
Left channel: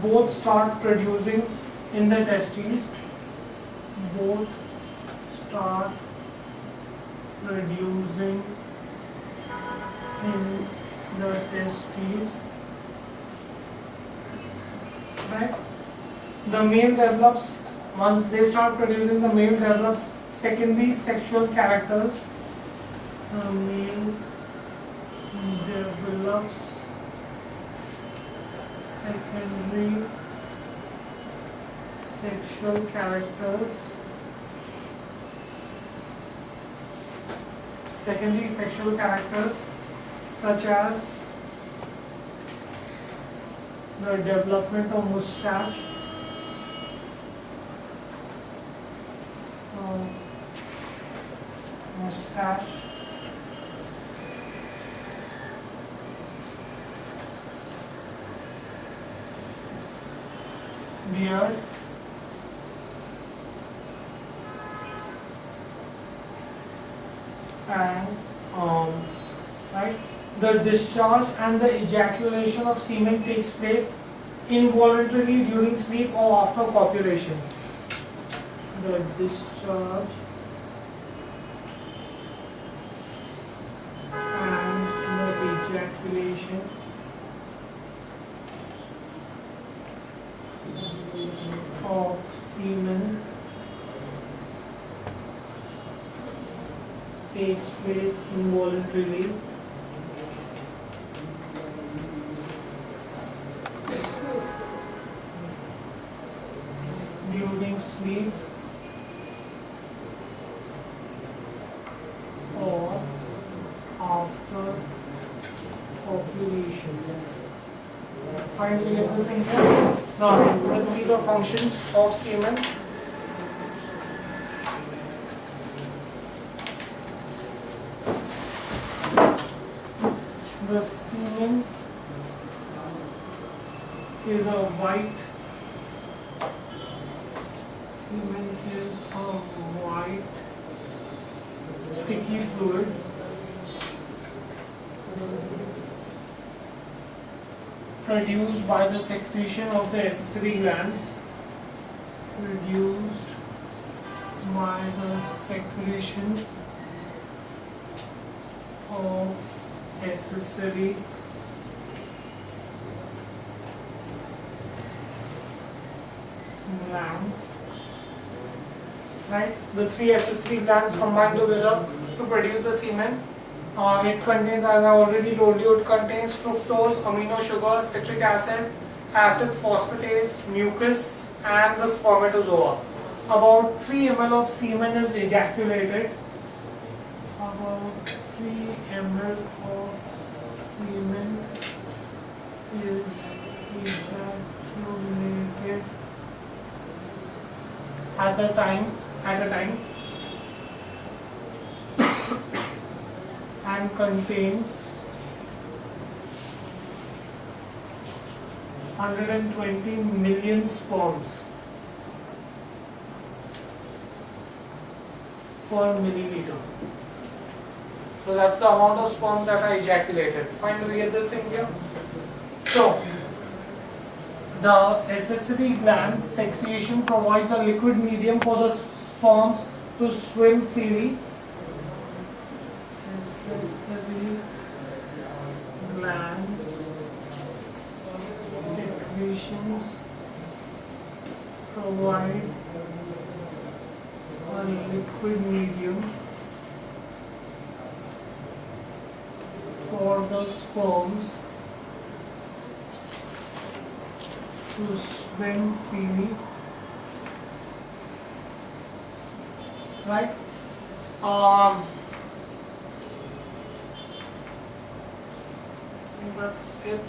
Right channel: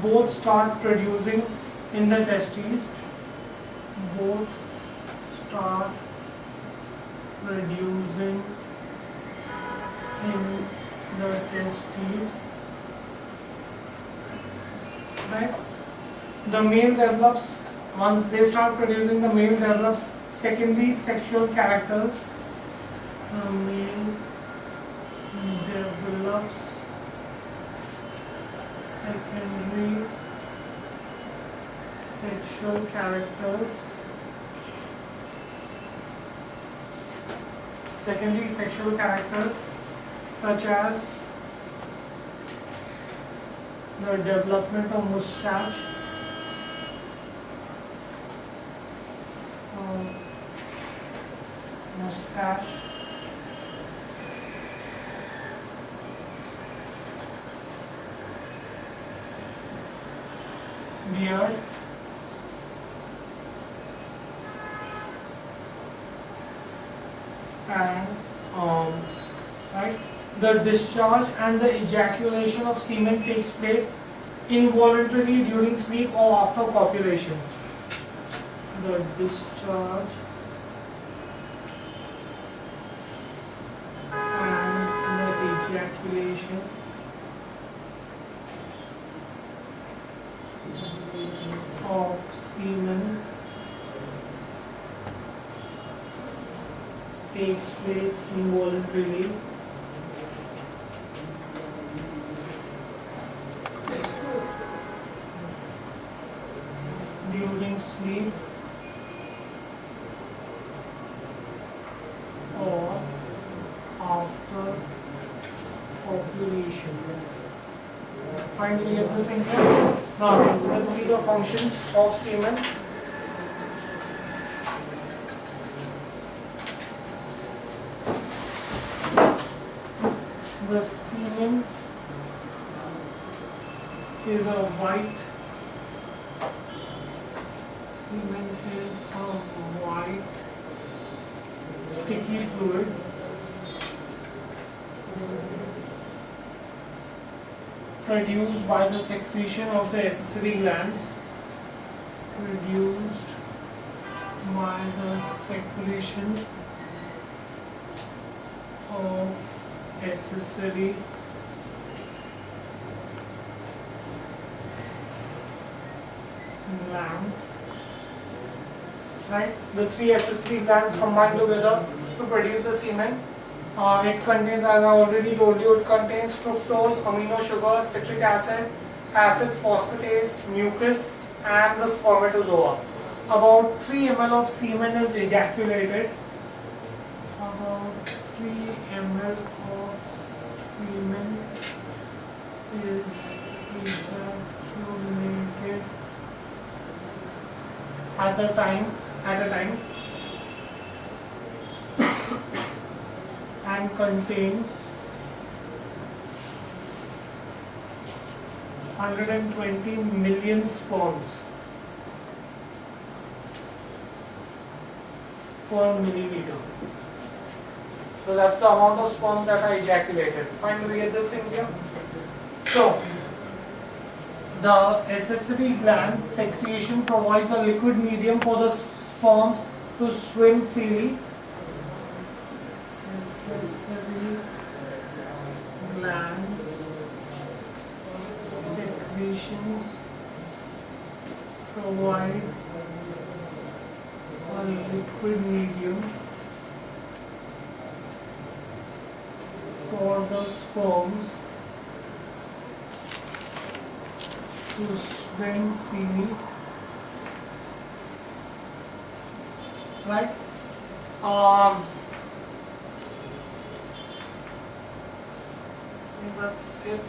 both start producing in the testes. Both start producing in the testes, right? The male develops, once they start producing, the male develops secondary sexual characters the male develops secondary sexual characters. Secondary sexual characters such as the development of mustache, beard, and right, the discharge and the ejaculation of semen takes place involuntarily during sleep or after copulation. The discharge and the ejaculation of semen takes place involuntarily during sleep or after copulation. Finally, get this in here. Now, let's see the functions of semen. The semen is a white sticky fluid produced by the secretion of the accessory glands. Produced by the secretion of accessory glands. Right, the three accessory glands combine together to produce the semen. It contains, as I already told you, it contains fructose, amino sugar, citric acid, acid phosphatase, mucus, and the spermatozoa. About 3 ml of semen is ejaculated. About 3 ml of semen is ejaculated at a time, and contains 120 million sperms per milliliter. So that's the amount of sperms that are ejaculated. Fine, do we get this in here? So the accessory gland secretion provides a liquid medium for the sperms to swim freely. Accessory glands secretions provide a liquid medium for the sperms to swim freely, right? I think that's it.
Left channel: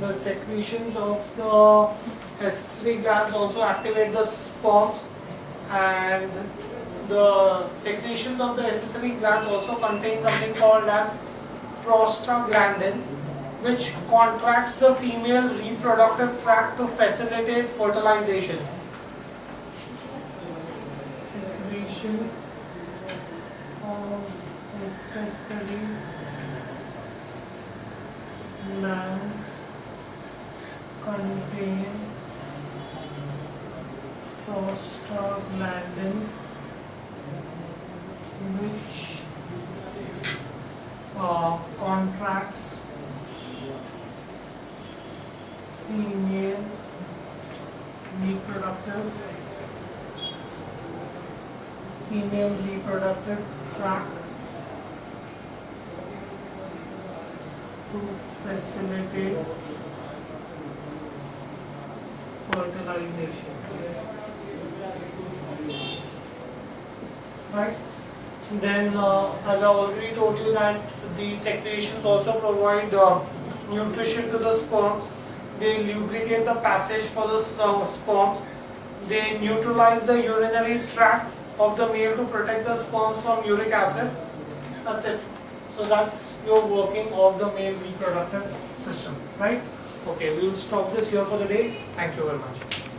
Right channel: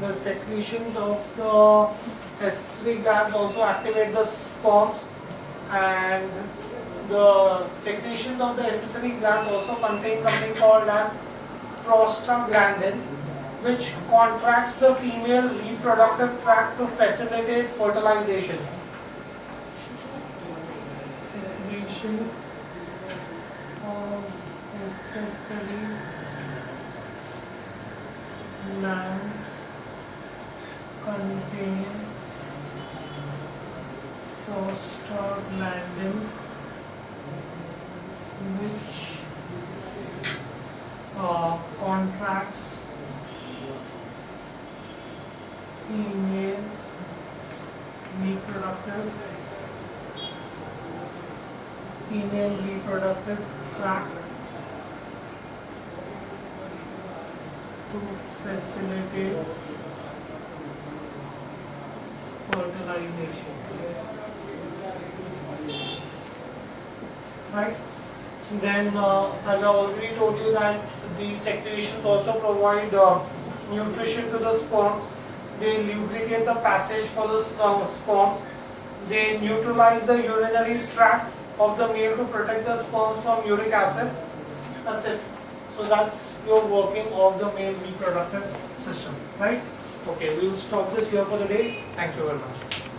The secretions of the accessory glands also activate the sperms, and the secretions of the accessory glands also contain something called as prostaglandin, which contracts the female reproductive tract to facilitate fertilization. Secretion of accessory glands contain prostaglandin, which contracts female reproductive female reproductive tract to facilitate fertilization. Right? Then, as I already told you, that the secretions also provide nutrition to the sperms. They lubricate the passage for the sperms. They neutralize the urinary tract of the male to protect the sperms from uric acid. That's it. So that's your working of the male reproductive system, right? Okay, we will stop this here for the day. Thank you very much.